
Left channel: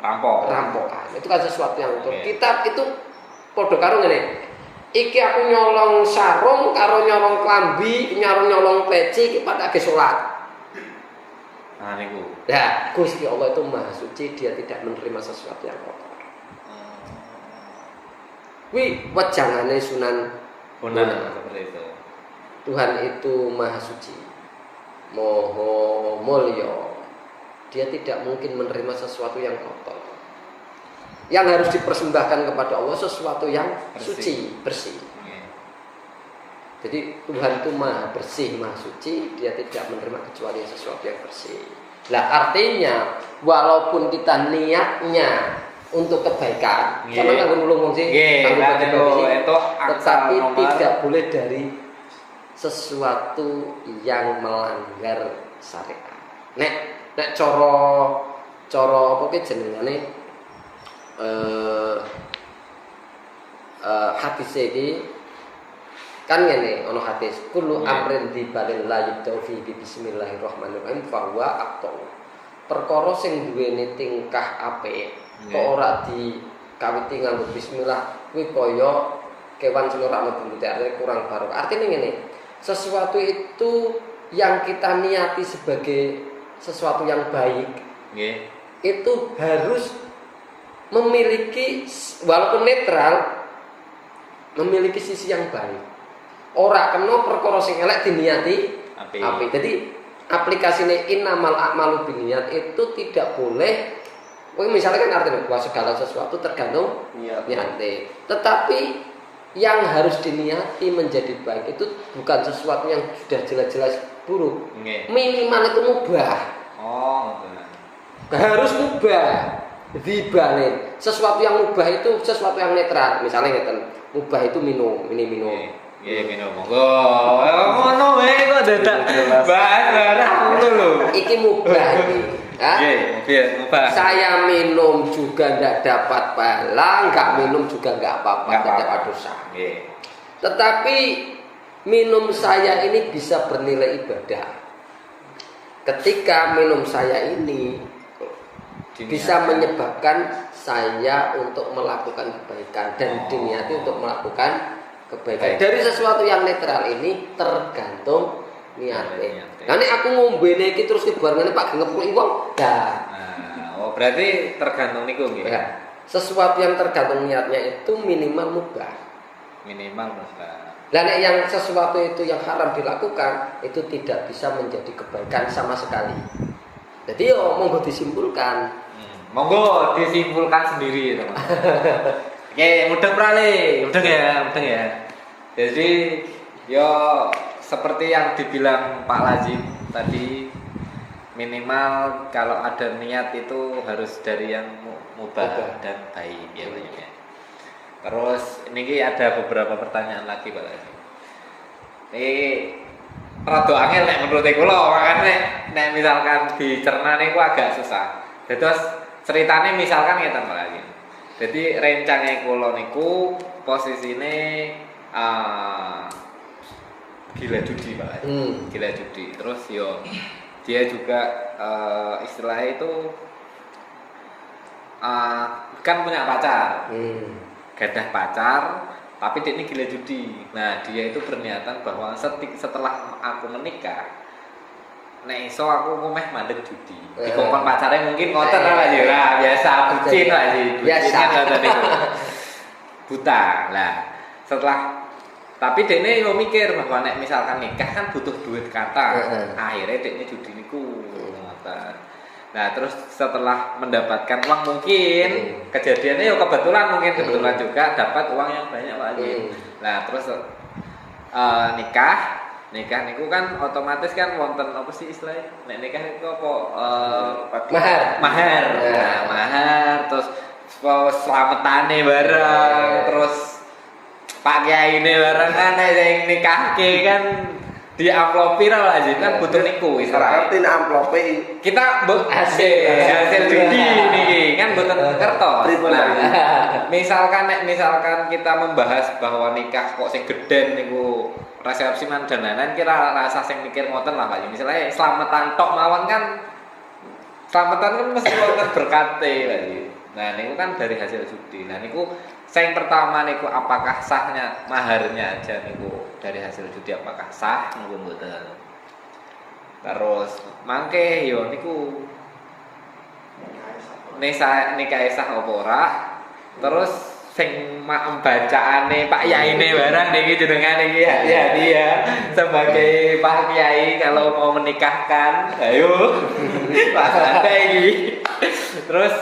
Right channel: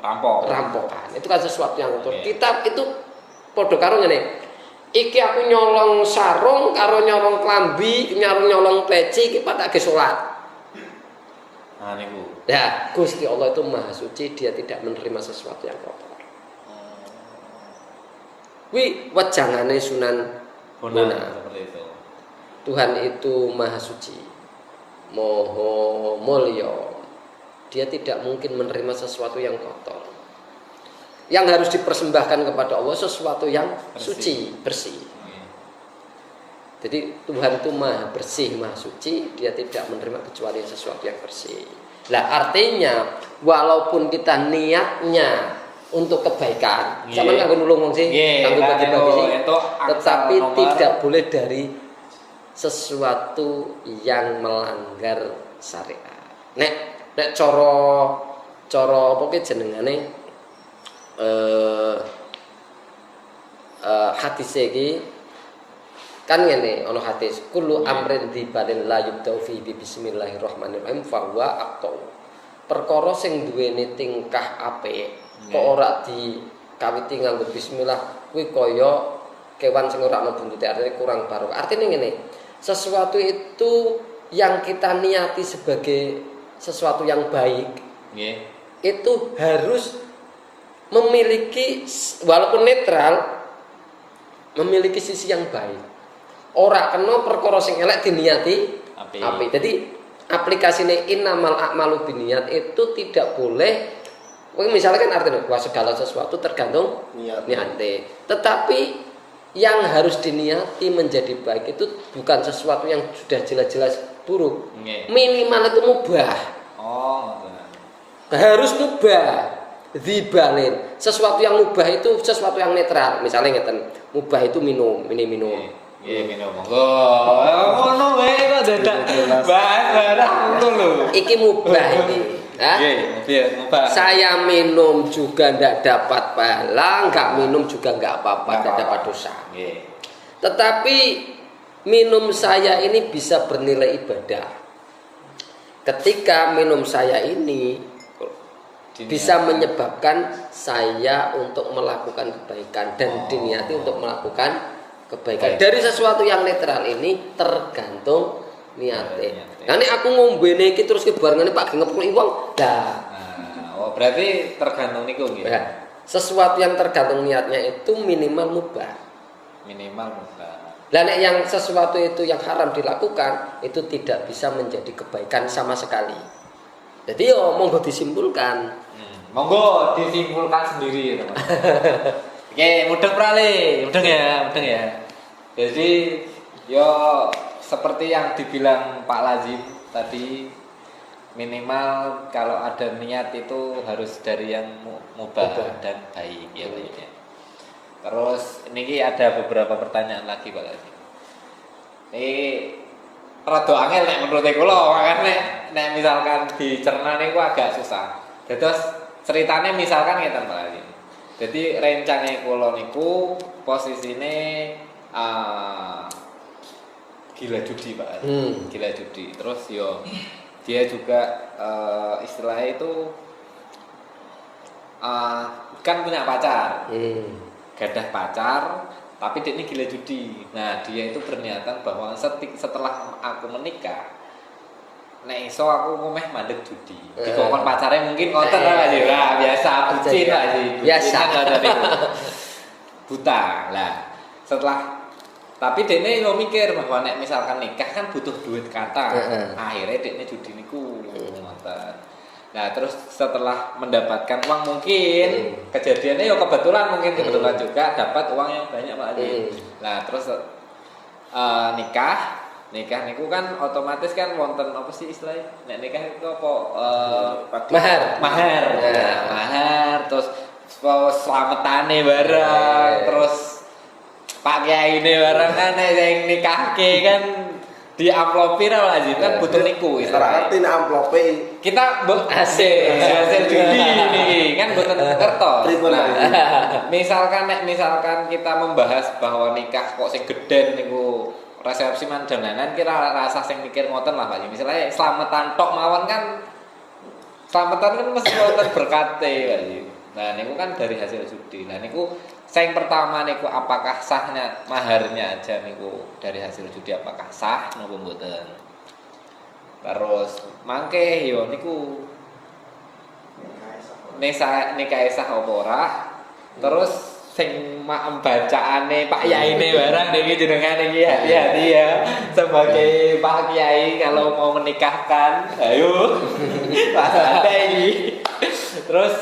rampokan. Itu kan sesuatu yang kotor. Kita itu padha karo ngene. Iki aku nyolong sarung karo nyolong klambi, nyolong peci iki patake salat. Nah niku. Ya, Gusti Allah itu maha suci, dia tidak menerima sesuatu yang kotor. Wi wejangane Sunan Bonang seperti itu. Tuhan itu maha suci, moho mulya. Dia tidak mungkin menerima sesuatu yang kotor. Yang harus dipersembahkan kepada Allah sesuatu yang suci, bersih. Jadi Tuhan itu maha bersih, maha suci, dia tidak menerima kecuali sesuatu yang bersih. Lah artinya walaupun kita niatnya untuk kebaikan, sama nggak nulung sih, tetapi tidak boleh dari sesuatu yang melanggar syariat. Nek coro apa ki jenengane hadis iki kan ngene ana hadis kullu amrin dibalil la yubda'u fi bismillahirrahmanirrahim fa huwa aqta. Perkara sing duweni tingkah apik kok ora dikawiti nganggo bismillah kuwi kaya kewan sing ora ana buntute, artinya kurang barokah. Artinya ngene, sesuatu itu yang kita niati sebagai sesuatu yang baik, itu harus memiliki walaupun netral, memiliki sisi yang baik. Ora kena perkara sing elek diniati apik. Jadi aplikasine innamal a'malu binniyat itu tidak boleh. Misalnya kan artinya bahwa segala sesuatu tergantung niate. Tetapi yang harus diniati menjadi baik itu bukan sesuatu yang sudah jelas-jelas buruk. Minimal itu mubah. Harus mubah. Dibalin. Sesuatu yang mubah itu sesuatu yang netral. Misalnya ngeten, mubah itu minum. Minum. Ngono wae kok dadak bahas barang ngono lho. Iki mubah iki. Mubah. Saya minum juga tidak dapat pahala, enggak minum juga enggak apa-apa, tidak dapat dosa. Tetapi minum saya ini bisa bernilai ibadah. Ketika minum saya ini bisa menyebabkan saya untuk melakukan kebaikan dan diniati untuk melakukan kebaikan. Dari sesuatu yang netral ini tergantung niatnya. Karena aku ngombene iki terus barengane Pak ngepuk wong. Berarti tergantung niku nggih. Sesuatu yang tergantung niatnya itu minimal mubah. Lah nek yang sesuatu itu yang haram dilakukan itu tidak bisa menjadi kebaikan sama sekali. Jadi yo monggo disimpulkan. Monggo disimpulkan sendiri teman. Oke, mudeng prale, mudeng ya. Jadi yo seperti yang dibilang Pak Lazim tadi, minimal kalau ada niat itu harus dari yang mubah dan baik ya Pak ya. Terus ini ada beberapa pertanyaan lagi Pak Lazim. Ini rada angel nek menurut kula, makane nek misalkan dicerna niku agak susah. Terus ceritane misalkan ngeten Pak Lazim. Jadi rencane kula niku posisine gila judi Pak. Gila judi. Terus yo dia juga istilahnya itu kan punya pacar. Gadah pacar, tapi dia ini gila judi. Nah, dia itu berniatan bahwa setelah aku menikah, nek iso aku ngomeh mandek judi. Dikongkon pacarnya mungkin ngoten lah ya, biasa bucin lah sih. Biasa itu. Buta. Lah, setelah tapi dene yo mikir bahwa nek misalkan nikah kan butuh duit kata. Akhirnya dene judi niku ngoten. Nah, terus setelah mendapatkan uang mungkin kejadiannya ya kebetulan juga dapat uang yang banyak Pak Haji. Nah, terus nikah niku kan otomatis kan wonten apa sih istilahnya? Nek nikah itu apa mahar. Nah, mahar terus selametane bareng, terus Pak Kiai ini bareng kan yang nikahke kan di amplopi lah Lazim kan butuh niku berarti amplopi kita hasil judi ini kan butuh kertas. Nah, misalkan kita membahas bahwa nikah kok sing geden niku resepsi man dan lain-lain kira rasa sing mikir ngoten lah Pak. Misalnya selamatan tok mawon kan selamatan kan mesti wonten berkate lagi. Nah, niku kan dari hasil judi. Nah, niku yang pertama niku apakah sahnya maharnya aja niku dari hasil judi apakah sah maupun mboten. Terus mangke yo niku nikah sah apa ora. Terus sing bacaane Pak Yaine barang niki jenengan iki ya dia sebagai Pak Kiai kalau mau menikahkan ayo Pak Anda ini. Terus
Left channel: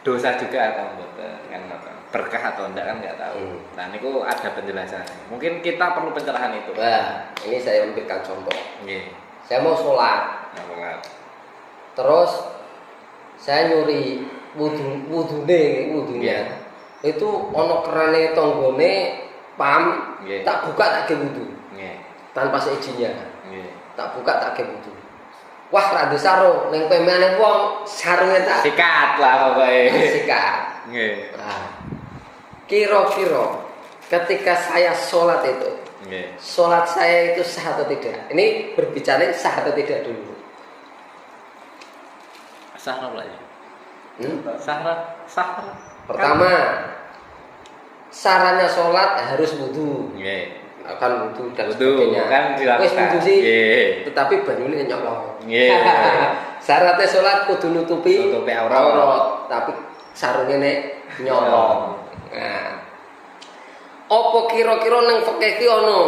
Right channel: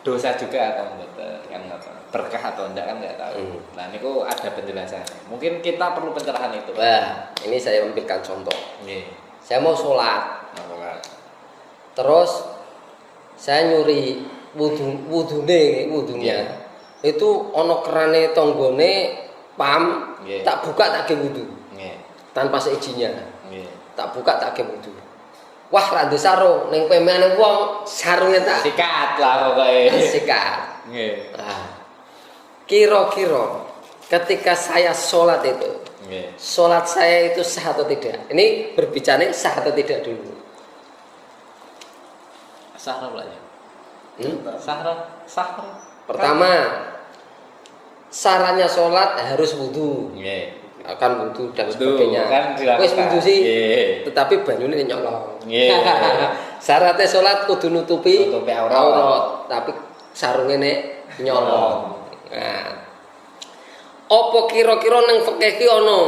dosa juga atau enggak kan berkah atau enggak kan enggak tahu. Nah, niku ada penjelasannya. Mungkin kita perlu pencerahan itu. Nah, ini saya ambilkan contoh. Saya mau sholat. Terus saya nyuri wudune. Itu ono kerane tonggone pam, tak buka tak ge wudu. Tanpa seizinnya. Tak buka tak ge wudu. Wah, rada sarung ning pemene wong sarunge tak sikat lah pokoke. Sikat. Nah, kira-kira ketika saya sholat itu, sholat saya itu sah atau tidak? Ini berbicara sah atau tidak dulu. Sah apa ya? Sah. Pertama, syaratnya sholat harus wudu. Akan wudu dan sebagainya. Kan wis wudu sih. Tetapi banyune nyolong. Syaratnya sholat kudu nutupi aurat, tapi sarunge nek nyolong. Nah. Apa kira-kira ning fikih ki ana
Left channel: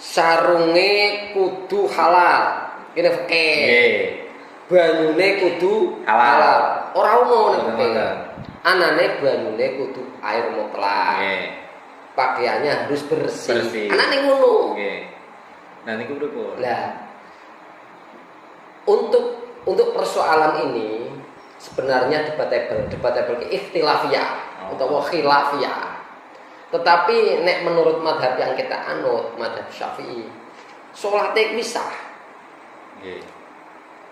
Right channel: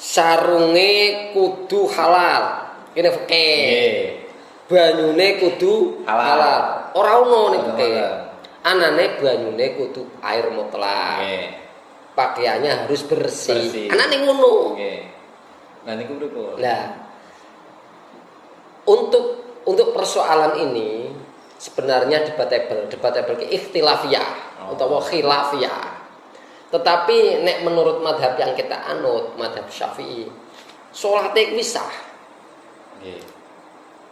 sarunge kudu halal. Kene fikih. Banyune kudu halal. Ora ono ning fikih. Anane banyune kudu air mutlak. Pakaiannya harus bersih. Anane ngono. Nah niku pripun? Nah, untuk persoalan ini sebenarnya debatable ki ikhtilafiyah atau khilafiyah. Tetapi nek menurut madhab yang kita anut, madhab Syafi'i, salate kuwi sah.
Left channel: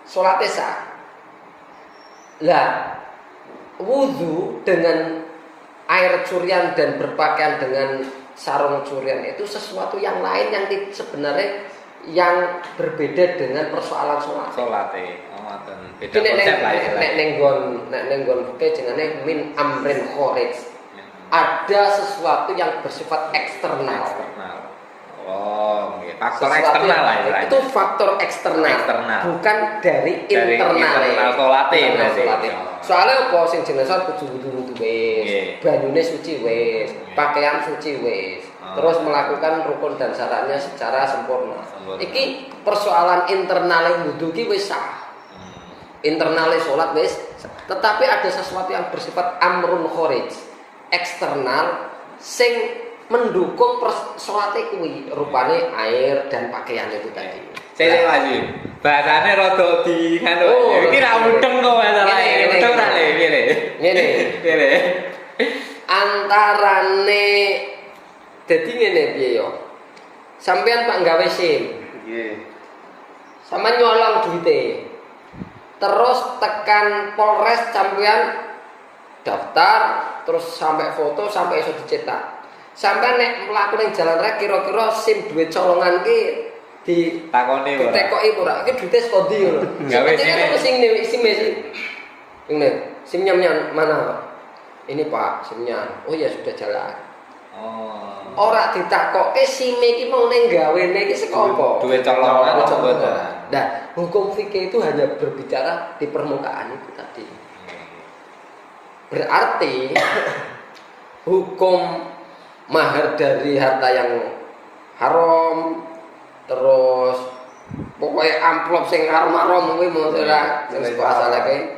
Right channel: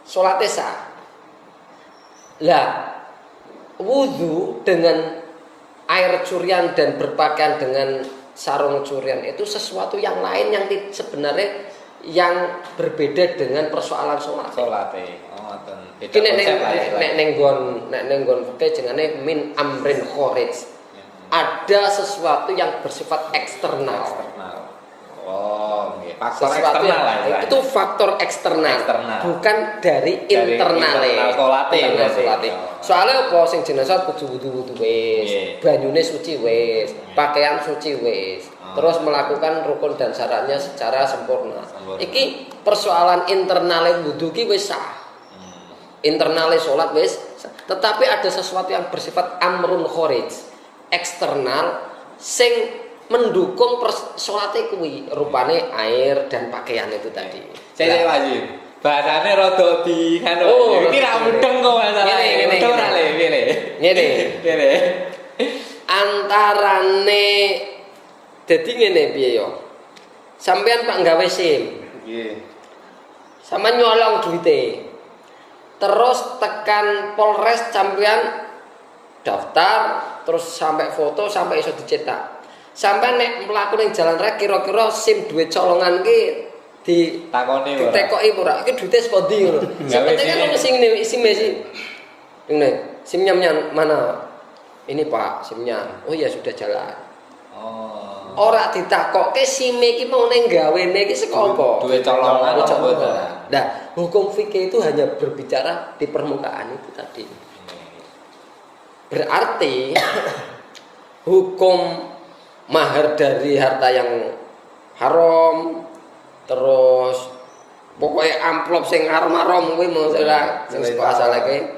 Salate sah. Lah, wudu dengan air curian dan berpakaian dengan sarung curian itu sesuatu yang lain yang sebenarnya yang berbeda dengan persoalan sholat. Beda konsep lah ya. Nek nenggon fikih jenenge min amrin kharij. Ada sesuatu yang bersifat eksternal. Oh, okay. Faktor Sesuatu eksternal lah yang- istilahnya. itu faktor eksternal, bukan dari internal. internal salate berarti. Soalnya apa sing jenazah kudu wudu wis, Nggih. banyune suci wis, pakaian suci wis, terus melakukan rukun dan syaratnya secara sempurna. Iki persoalan internale wudu ki wis sah. Internale salat wis, tetapi ada sesuatu yang bersifat amrun kharij, eksternal sing mendukung salate kuwi, rupane air dan pakaian itu tadi. Saya lagi. Bahasane rada di kan. Iki ra mudeng kok masalahe. Mudeng ra le, piye. Ngene. Piye. Antarane dadi ngene piye yo. Sampeyan Pak gawe SIM. Nggih. Sama nyolong duite. Terus tekan Polres sampeyan daftar, terus sampai foto sampai iso dicetak. Sampai nek mlaku ning jalan raya kira-kira SIM duit colongan ki takoni ora. Ditekoki ora. Iki duite saka ndi ngono. Gawe sing SIM ini SIM-nya mana? Ini Pak, SIM-nya. Oh ya sudah jalan. Oh. Ora ditakokke SIM iki mau ning gawene iki saka apa? Duit colongan apa mboten? Nah, hukum fikih itu hanya berbicara di permukaan itu tadi. Berarti hukum mahar dari harta yang haram, terus pokoknya amplop sing haram kuwi maksudnya sing kuasa lagi.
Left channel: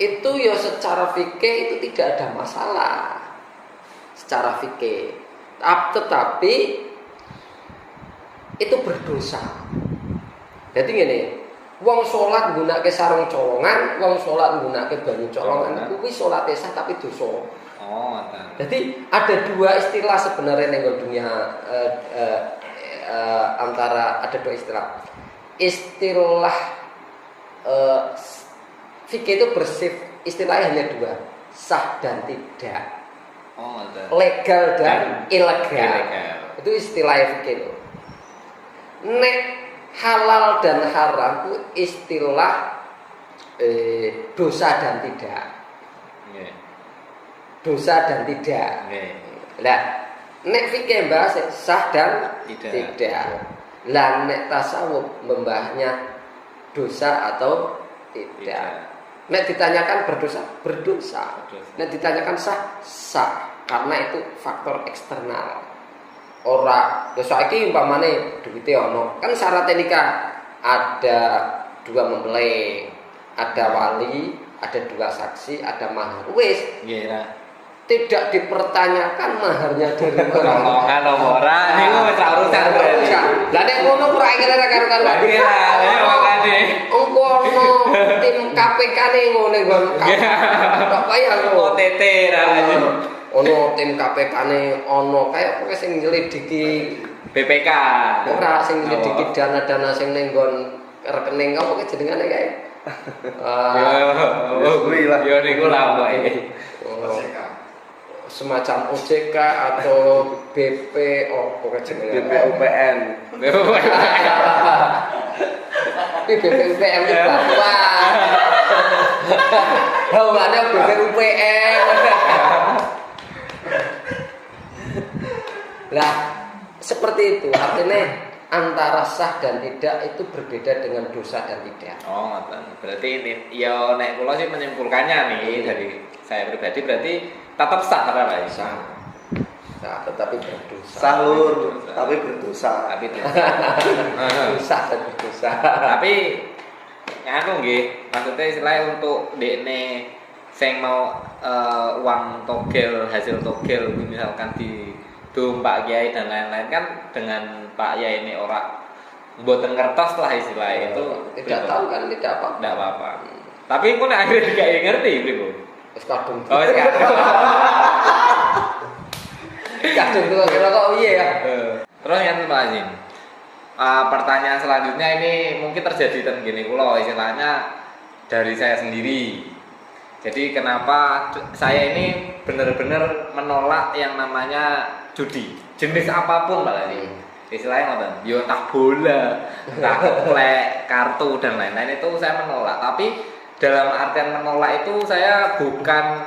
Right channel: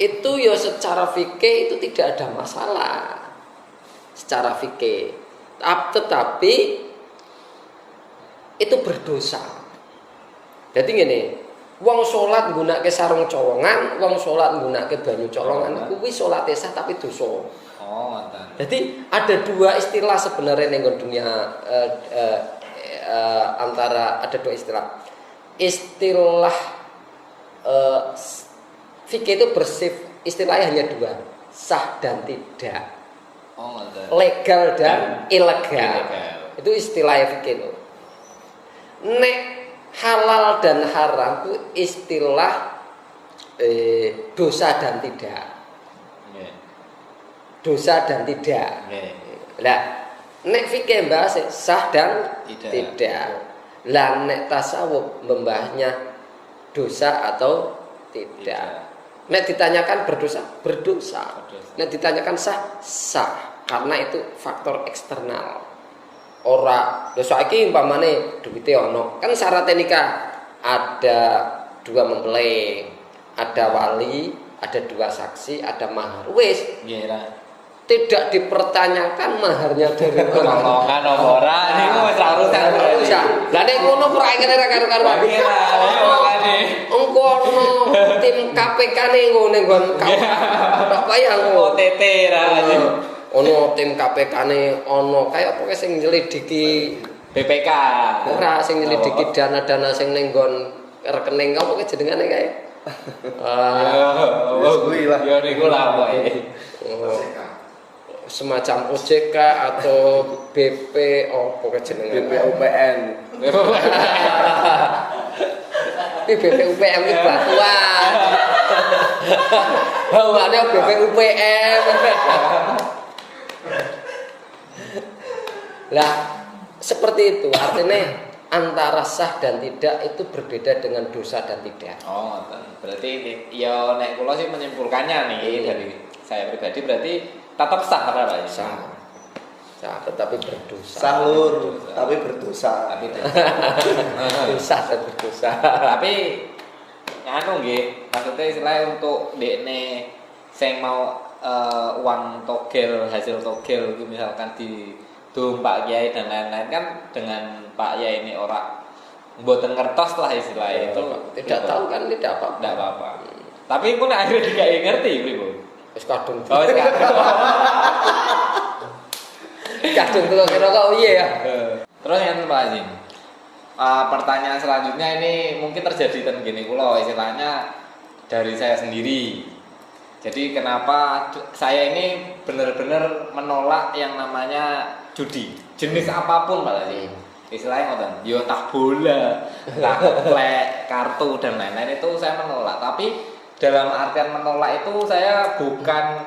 Itu ya secara fikih itu tidak ada masalah. Secara fikih. Tetapi itu berdosa. Jadi gini, wong salat nggunakake sarung colongan, wong salat nggunakake banyu colongan, kuwi salate sah tapi dosa. Oh, ngoten. Jadi ada dua istilah sebenarnya ning dunia antara ada dua istilah. Istilah fikih itu istilahnya hanya dua, sah dan tidak. Oh, ngoten. Legal dan ilegal. Itu istilah fikih itu. Nek halal dan haram itu istilah dosa dan tidak. Nggih. Dosa dan tidak. Lah, nek fikih bahas sah dan tidak. Lah nek tasawuf membahasnya dosa atau tidak. Nek ditanyakan berdosa, berdosa. Nek ditanyakan sah, sah. Karena itu faktor eksternal. Ora, lho saiki umpamane duwite ono, kan syarat nikah ada dua mempelai, ada wali, ada dua saksi, ada mahar. Wis, Nggih lah. tidak dipertanyakan maharnya dari Colongan apa ora niku wis ora urusan. Lah nek ngono ora kira karo-karo. Lah nggih lah, ini makane. Engko ono tim KPK-ne ngene nggon. Kok kaya ngono. OTT ra. Ono tim KPK-ne ono kaya pokoke sing nyelidiki BPK. ora sing nyelidiki dana-dana sing ning nggon rekening apa ki jenengane kae. Kuwi lah. Ya niku lah pokoke. Semacam OJK atau BP apa jenenge BPUPN. Tapi BPUPM itu wah. Oh, ada BPUPM. Lah, seperti itu artinya antara sah dan tidak itu berbeda dengan dosa dan tidak. Oh, ngoten. Berarti ini ya nek kula sih menyimpulkannya nih dari saya pribadi berarti tetap sah ora Pak? Sah. Sah tetapi berdosa. Sah lur, tapi berdosa. Tapi Dosa dan berdosa. tapi anu nggih, maksudnya istilahnya untuk dekne sing mau uang togel, hasil togel misalkan di dom Pak Kiai dan lain-lain kan dengan Pak Kiai ini orang mboten ngertos lah istilahnya itu Tidak tahu kan tidak apa. tidak apa-apa. Tapi pun akhirnya dikai ngerti beliau. Wis kadung. Oh, sekarang. Kadung kira kok piye ya? Terus yang Pak Azin. Pertanyaan selanjutnya ini mungkin terjadi ten gini kula istilahnya dari saya sendiri. Jadi kenapa saya ini benar-benar menolak yang namanya judi, jenis apapun Pak Azin. Istilahnya ngoten, yo entah bola, entah keplek, kartu dan lain-lain itu saya menolak. Tapi dalam artian menolak itu saya bukan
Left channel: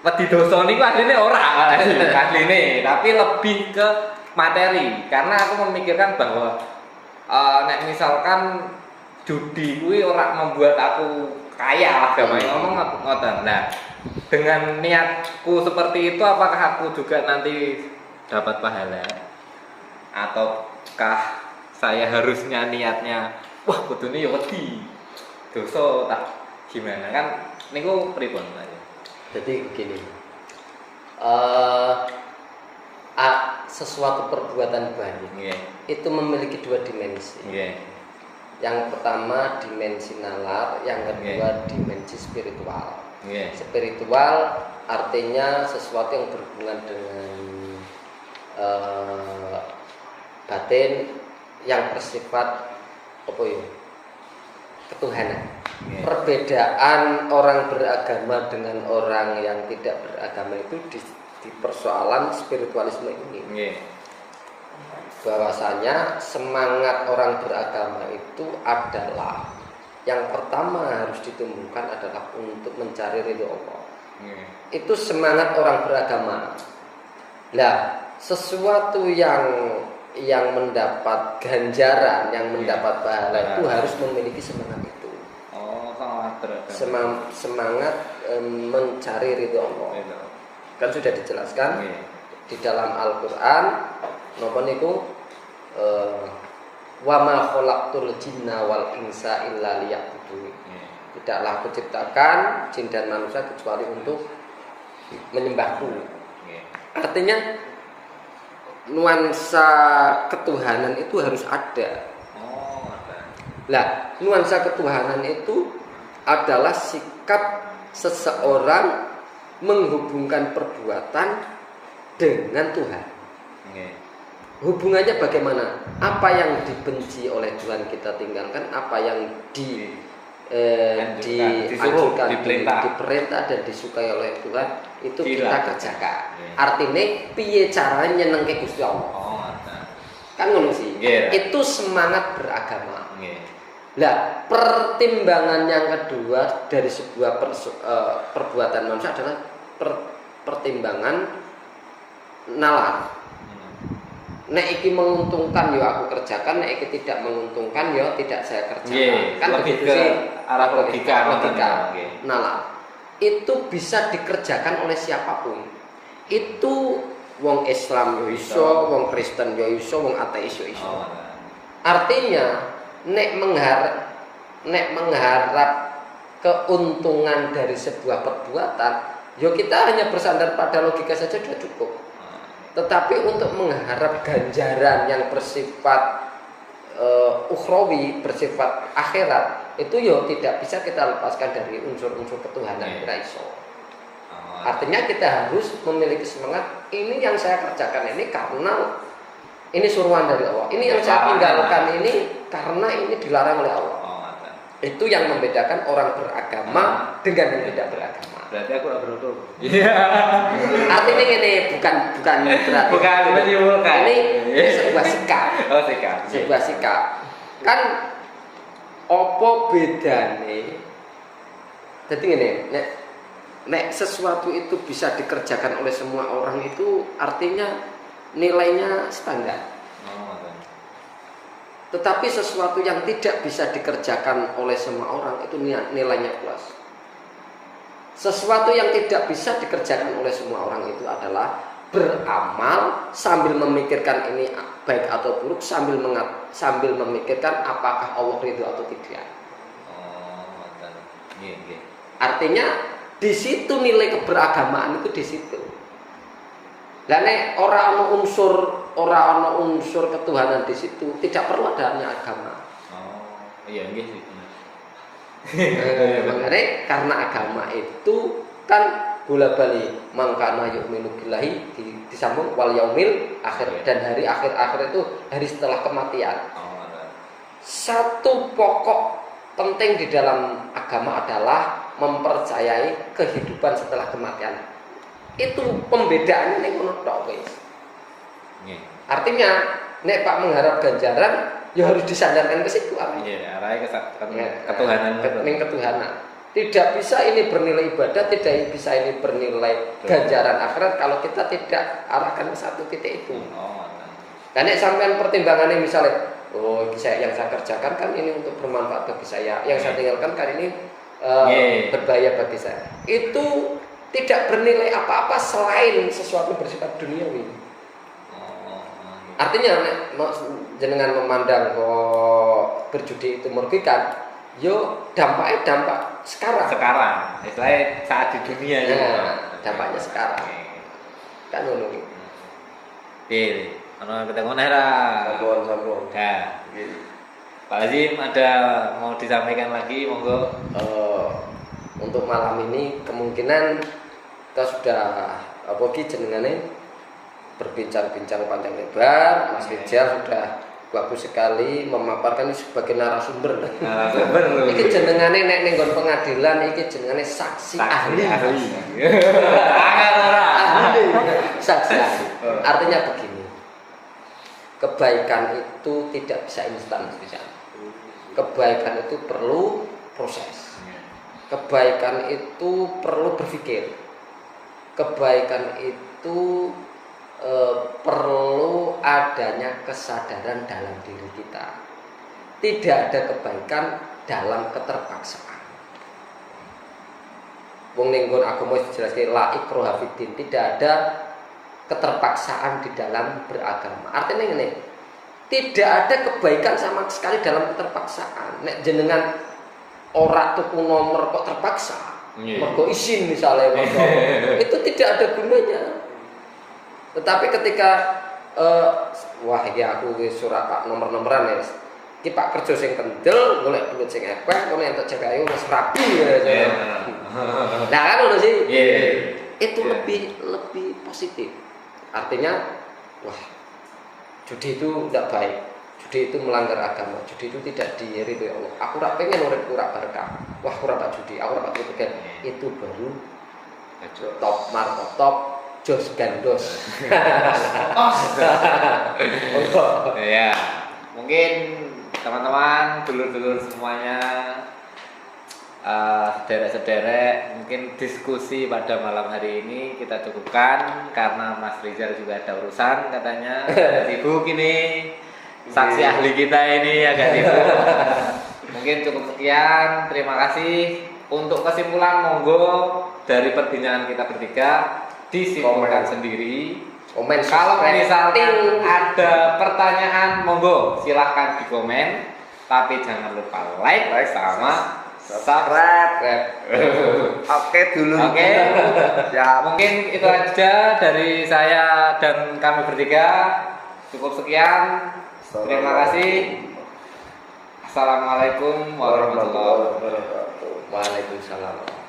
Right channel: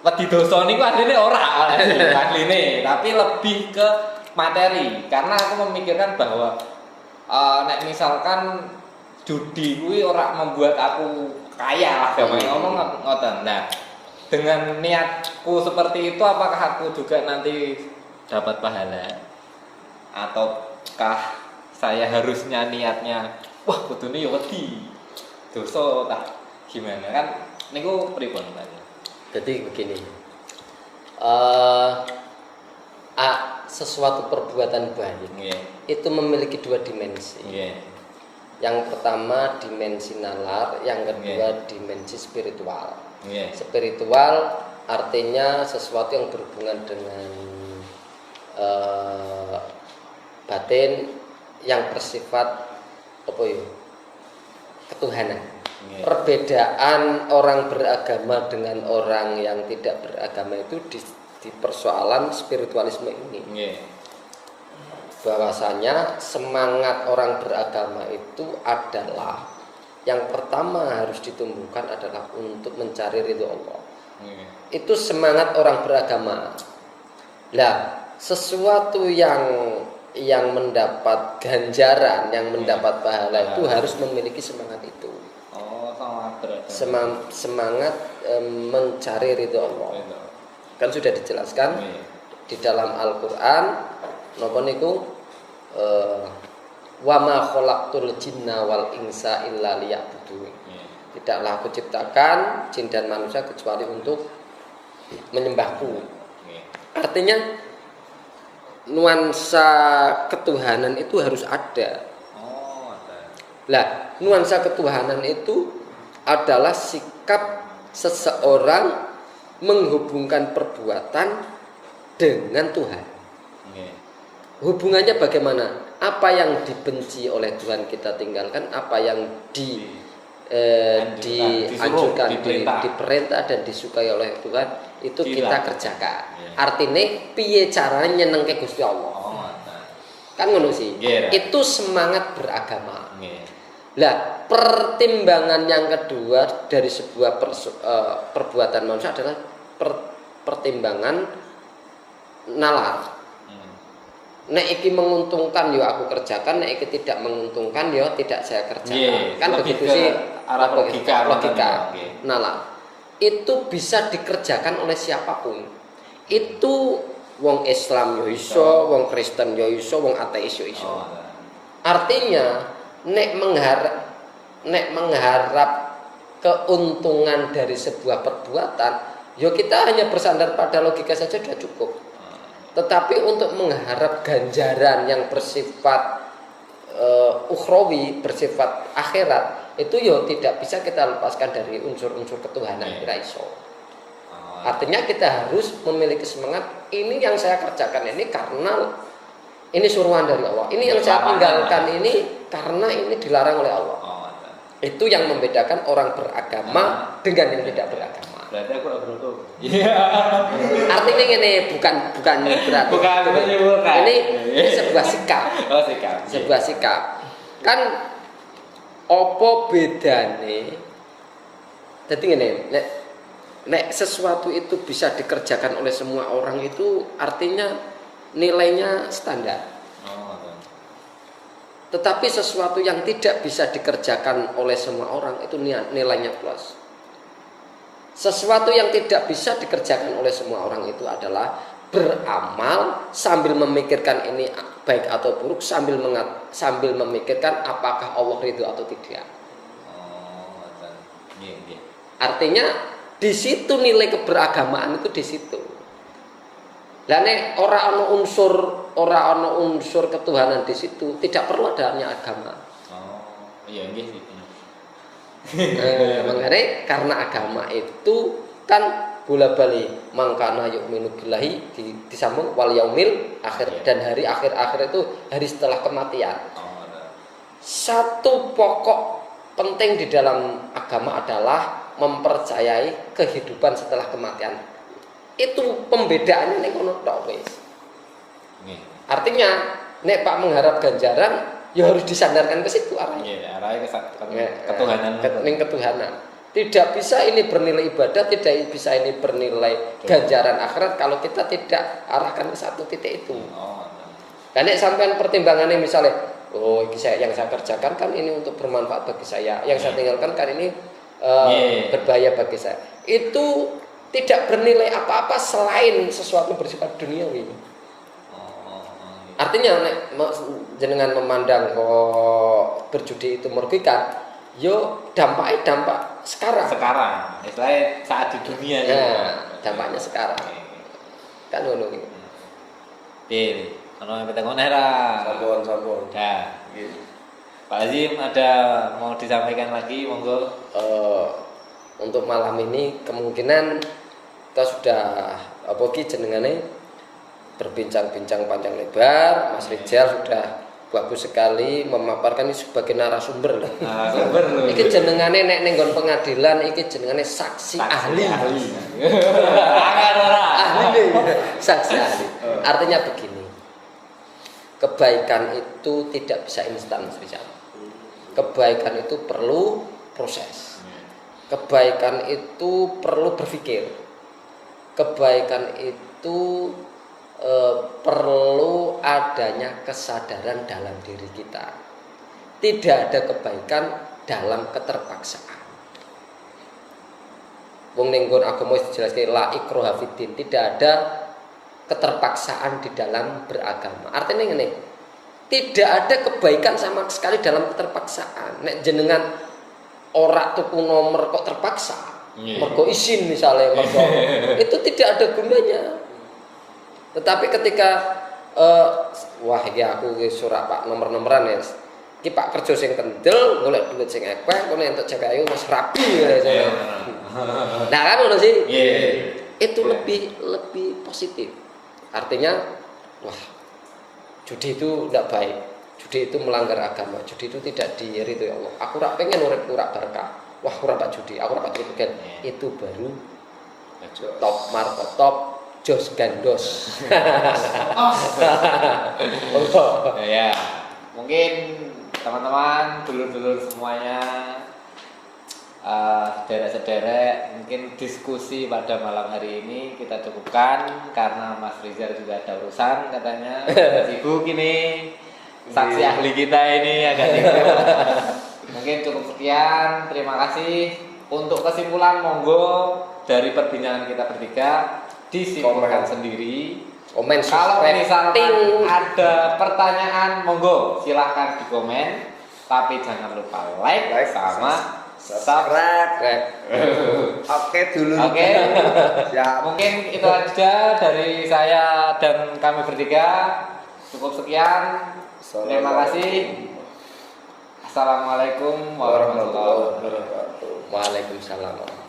wedi dosa niku asline ora asline, tapi lebih ke materi karena aku memikirkan bahwa nek misalkan judi kuwi ora membuat aku kaya lah gampang ngomong ngoten. Nah, dengan niatku seperti itu apakah aku juga nanti dapat pahala ataukah saya harusnya niatnya wah kudune ya wedi dosa tak gimana kan niku pripun Pak? Jadi begini, sesuatu perbuatan baik itu memiliki dua dimensi. Yang pertama dimensi nalar, yang kedua dimensi spiritual. Spiritual artinya sesuatu yang berhubungan dengan batin yang bersifat apa ya? Ketuhanan. Perbedaan orang beragama dengan orang yang tidak beragama itu di persoalan spiritualisme ini. Bahwasanya semangat orang beragama itu adalah yang pertama harus ditumbuhkan adalah untuk mencari ridho Allah. Itu semangat orang beragama. Lah, sesuatu yang mendapat ganjaran, yang mendapat pahala itu harus memiliki semangat itu. Semangat mencari ridho Allah. Kan sudah dijelaskan di dalam Al-Qur'an napa niku wa ma khalaqtul jinna wal insa illa liya'budun. Tidaklah aku ciptakan jin dan manusia kecuali untuk menyembahku. Artinya nuansa ketuhanan itu harus ada. Lah, nuansa ketuhanan itu adalah sikap seseorang menghubungkan perbuatan dengan Tuhan. Hubungannya bagaimana? Apa yang dibenci oleh Tuhan kita tinggalkan, apa yang dianjurkan, diperintah dan disukai oleh Tuhan itu kita kerjakan. Artinya piye caranya nyenengke Gusti Allah. Kan ngono sih. Itu semangat beragama. Lah, pertimbangan yang kedua dari sebuah perbuatan manusia adalah pertimbangan nalar. Nek iki menguntungkan ya aku kerjakan, nek iki tidak menguntungkan ya tidak saya kerjakan. Kan begitu sih arah logika. Nalar. Itu bisa dikerjakan oleh siapapun. Itu wong Islam yo iso, wong Kristen yo iso, wong ateis yo iso. Artinya nek mengharap keuntungan dari sebuah perbuatan, ya kita hanya bersandar pada logika saja sudah cukup. Tetapi untuk mengharap ganjaran yang bersifat ukhrawi, bersifat akhirat, itu ya tidak bisa kita lepaskan dari unsur-unsur ketuhanan kita iso. Artinya kita harus memiliki semangat, ini yang saya kerjakan ini karena ini suruhan dari Allah. Ini yang saya tinggalkan ini karena ini dilarang oleh Allah. Itu yang membedakan orang beragama dengan yang tidak beragama. Berarti aku tidak beruntung. Artinya ini bukan berarti. Ini sebuah sikap. Sebuah sikap. Kan opo bedane? Jadi ini, nek sesuatu itu bisa dikerjakan oleh semua orang itu artinya nilainya standar. Tetapi sesuatu yang tidak bisa dikerjakan oleh semua orang itu nilainya plus. Sesuatu yang tidak bisa dikerjakan oleh semua orang itu adalah beramal sambil memikirkan ini baik atau buruk, sambil memikirkan apakah Allah ridho atau tidak. Artinya di situ nilai keberagamaan itu di situ. Dan ora ana unsur ketuhanan di situ, tidak perlu adanya agama. Iya nggih sih. Mengenai karena agama itu kan bola bali mangkana yu'minu billahi disambung wal yaumil akhir dan hari akhir itu hari setelah kematian. Satu pokok penting di dalam agama adalah mempercayai kehidupan setelah kematian. Itu pembedaannya nek ngono tok wis. Artinya nek Pak mengharap ganjaran ya harus disandarkan ke situ apa? Arahnya ketuhanan. Ketuhanan. Tidak bisa ini bernilai ibadah, tidak bisa ini bernilai ganjaran akhirat kalau kita tidak arahkan ke satu titik itu. Kan nek sampean pertimbangannya misalnya, oh yang saya kerjakan kan ini untuk bermanfaat bagi saya, yang saya tinggalkan kan ini berbahaya bagi saya. Itu tidak bernilai apa-apa selain sesuatu bersifat duniawi. Artinya nek jenengan memandang kok berjudi itu merugikan, yo dampaknya dampak sekarang. Istilahnya saat di dunia dampaknya sekarang. Kan ngono iki. Pilih. Ono yang ngono ra. Sampun. Dah. Pak Haji ada mau disampaikan lagi monggo. Untuk malam ini kemungkinan kita sudah jenengane berbincang-bincang panjang lebar. Mas Rizal sudah bagus sekali memaparkan ini sebagai narasumber. Narasumber lho. Iki jenengane nek ning nggon pengadilan iki jenengane saksi ahli. Angel ora. Saksi ahli. Artinya begini. Kebaikan itu tidak bisa instan, kebaikan itu perlu proses. Kebaikan itu perlu berpikir. Kebaikan itu perlu adanya kesadaran dalam diri kita. Tidak ada kebaikan dalam keterpaksaan. Wong ning nggon agama dijelaskan la ikraha fiddin, tidak ada keterpaksaan di dalam beragama. Artinya ini tidak ada kebaikan sama sekali dalam keterpaksaan. Nek jenengan ora tuku nomor kok terpaksa, mergo izin misalnya, itu tidak ada gunanya. Tetapi ketika wah ya aku surat Pak nomor-nomoran ya. Ki Pak kerja sing kendel, golek duit sing akeh, ngono entuk cewek ayu wis rapi ya. Nah, kan ngono sih. Itu lebih positif. Artinya, wah, judi itu tidak baik, judi itu melanggar agama, judi itu tidak diridhoi Allah. Aku ora pengen urip ora berkah. Wah, aku ora tak judi, aku ora tak judi. Itu baru top markotop jos gandos. Ya, mungkin teman-teman, dulur-dulur semuanya, sederek-sederek, mungkin diskusi pada malam hari ini kita cukupkan karena Mas Rizal juga ada urusan katanya, sibuk ini, saksi ahli kita ini agak sibuk. Mungkin cukup sekian, terima kasih. Untuk kesimpulan monggo dari perbincangan kita bertiga disimpulkan sendiri. Kalau misalkan ada pertanyaan monggo silahkan di komen, tapi jangan lupa like sama subscribe. Oke dulu. Oke. Ya, mungkin itu aja dari saya dan kami bertiga. Cukup sekian. Terima kasih. Assalamualaikum warahmatullahi wabarakatuh. Waalaikumsalam.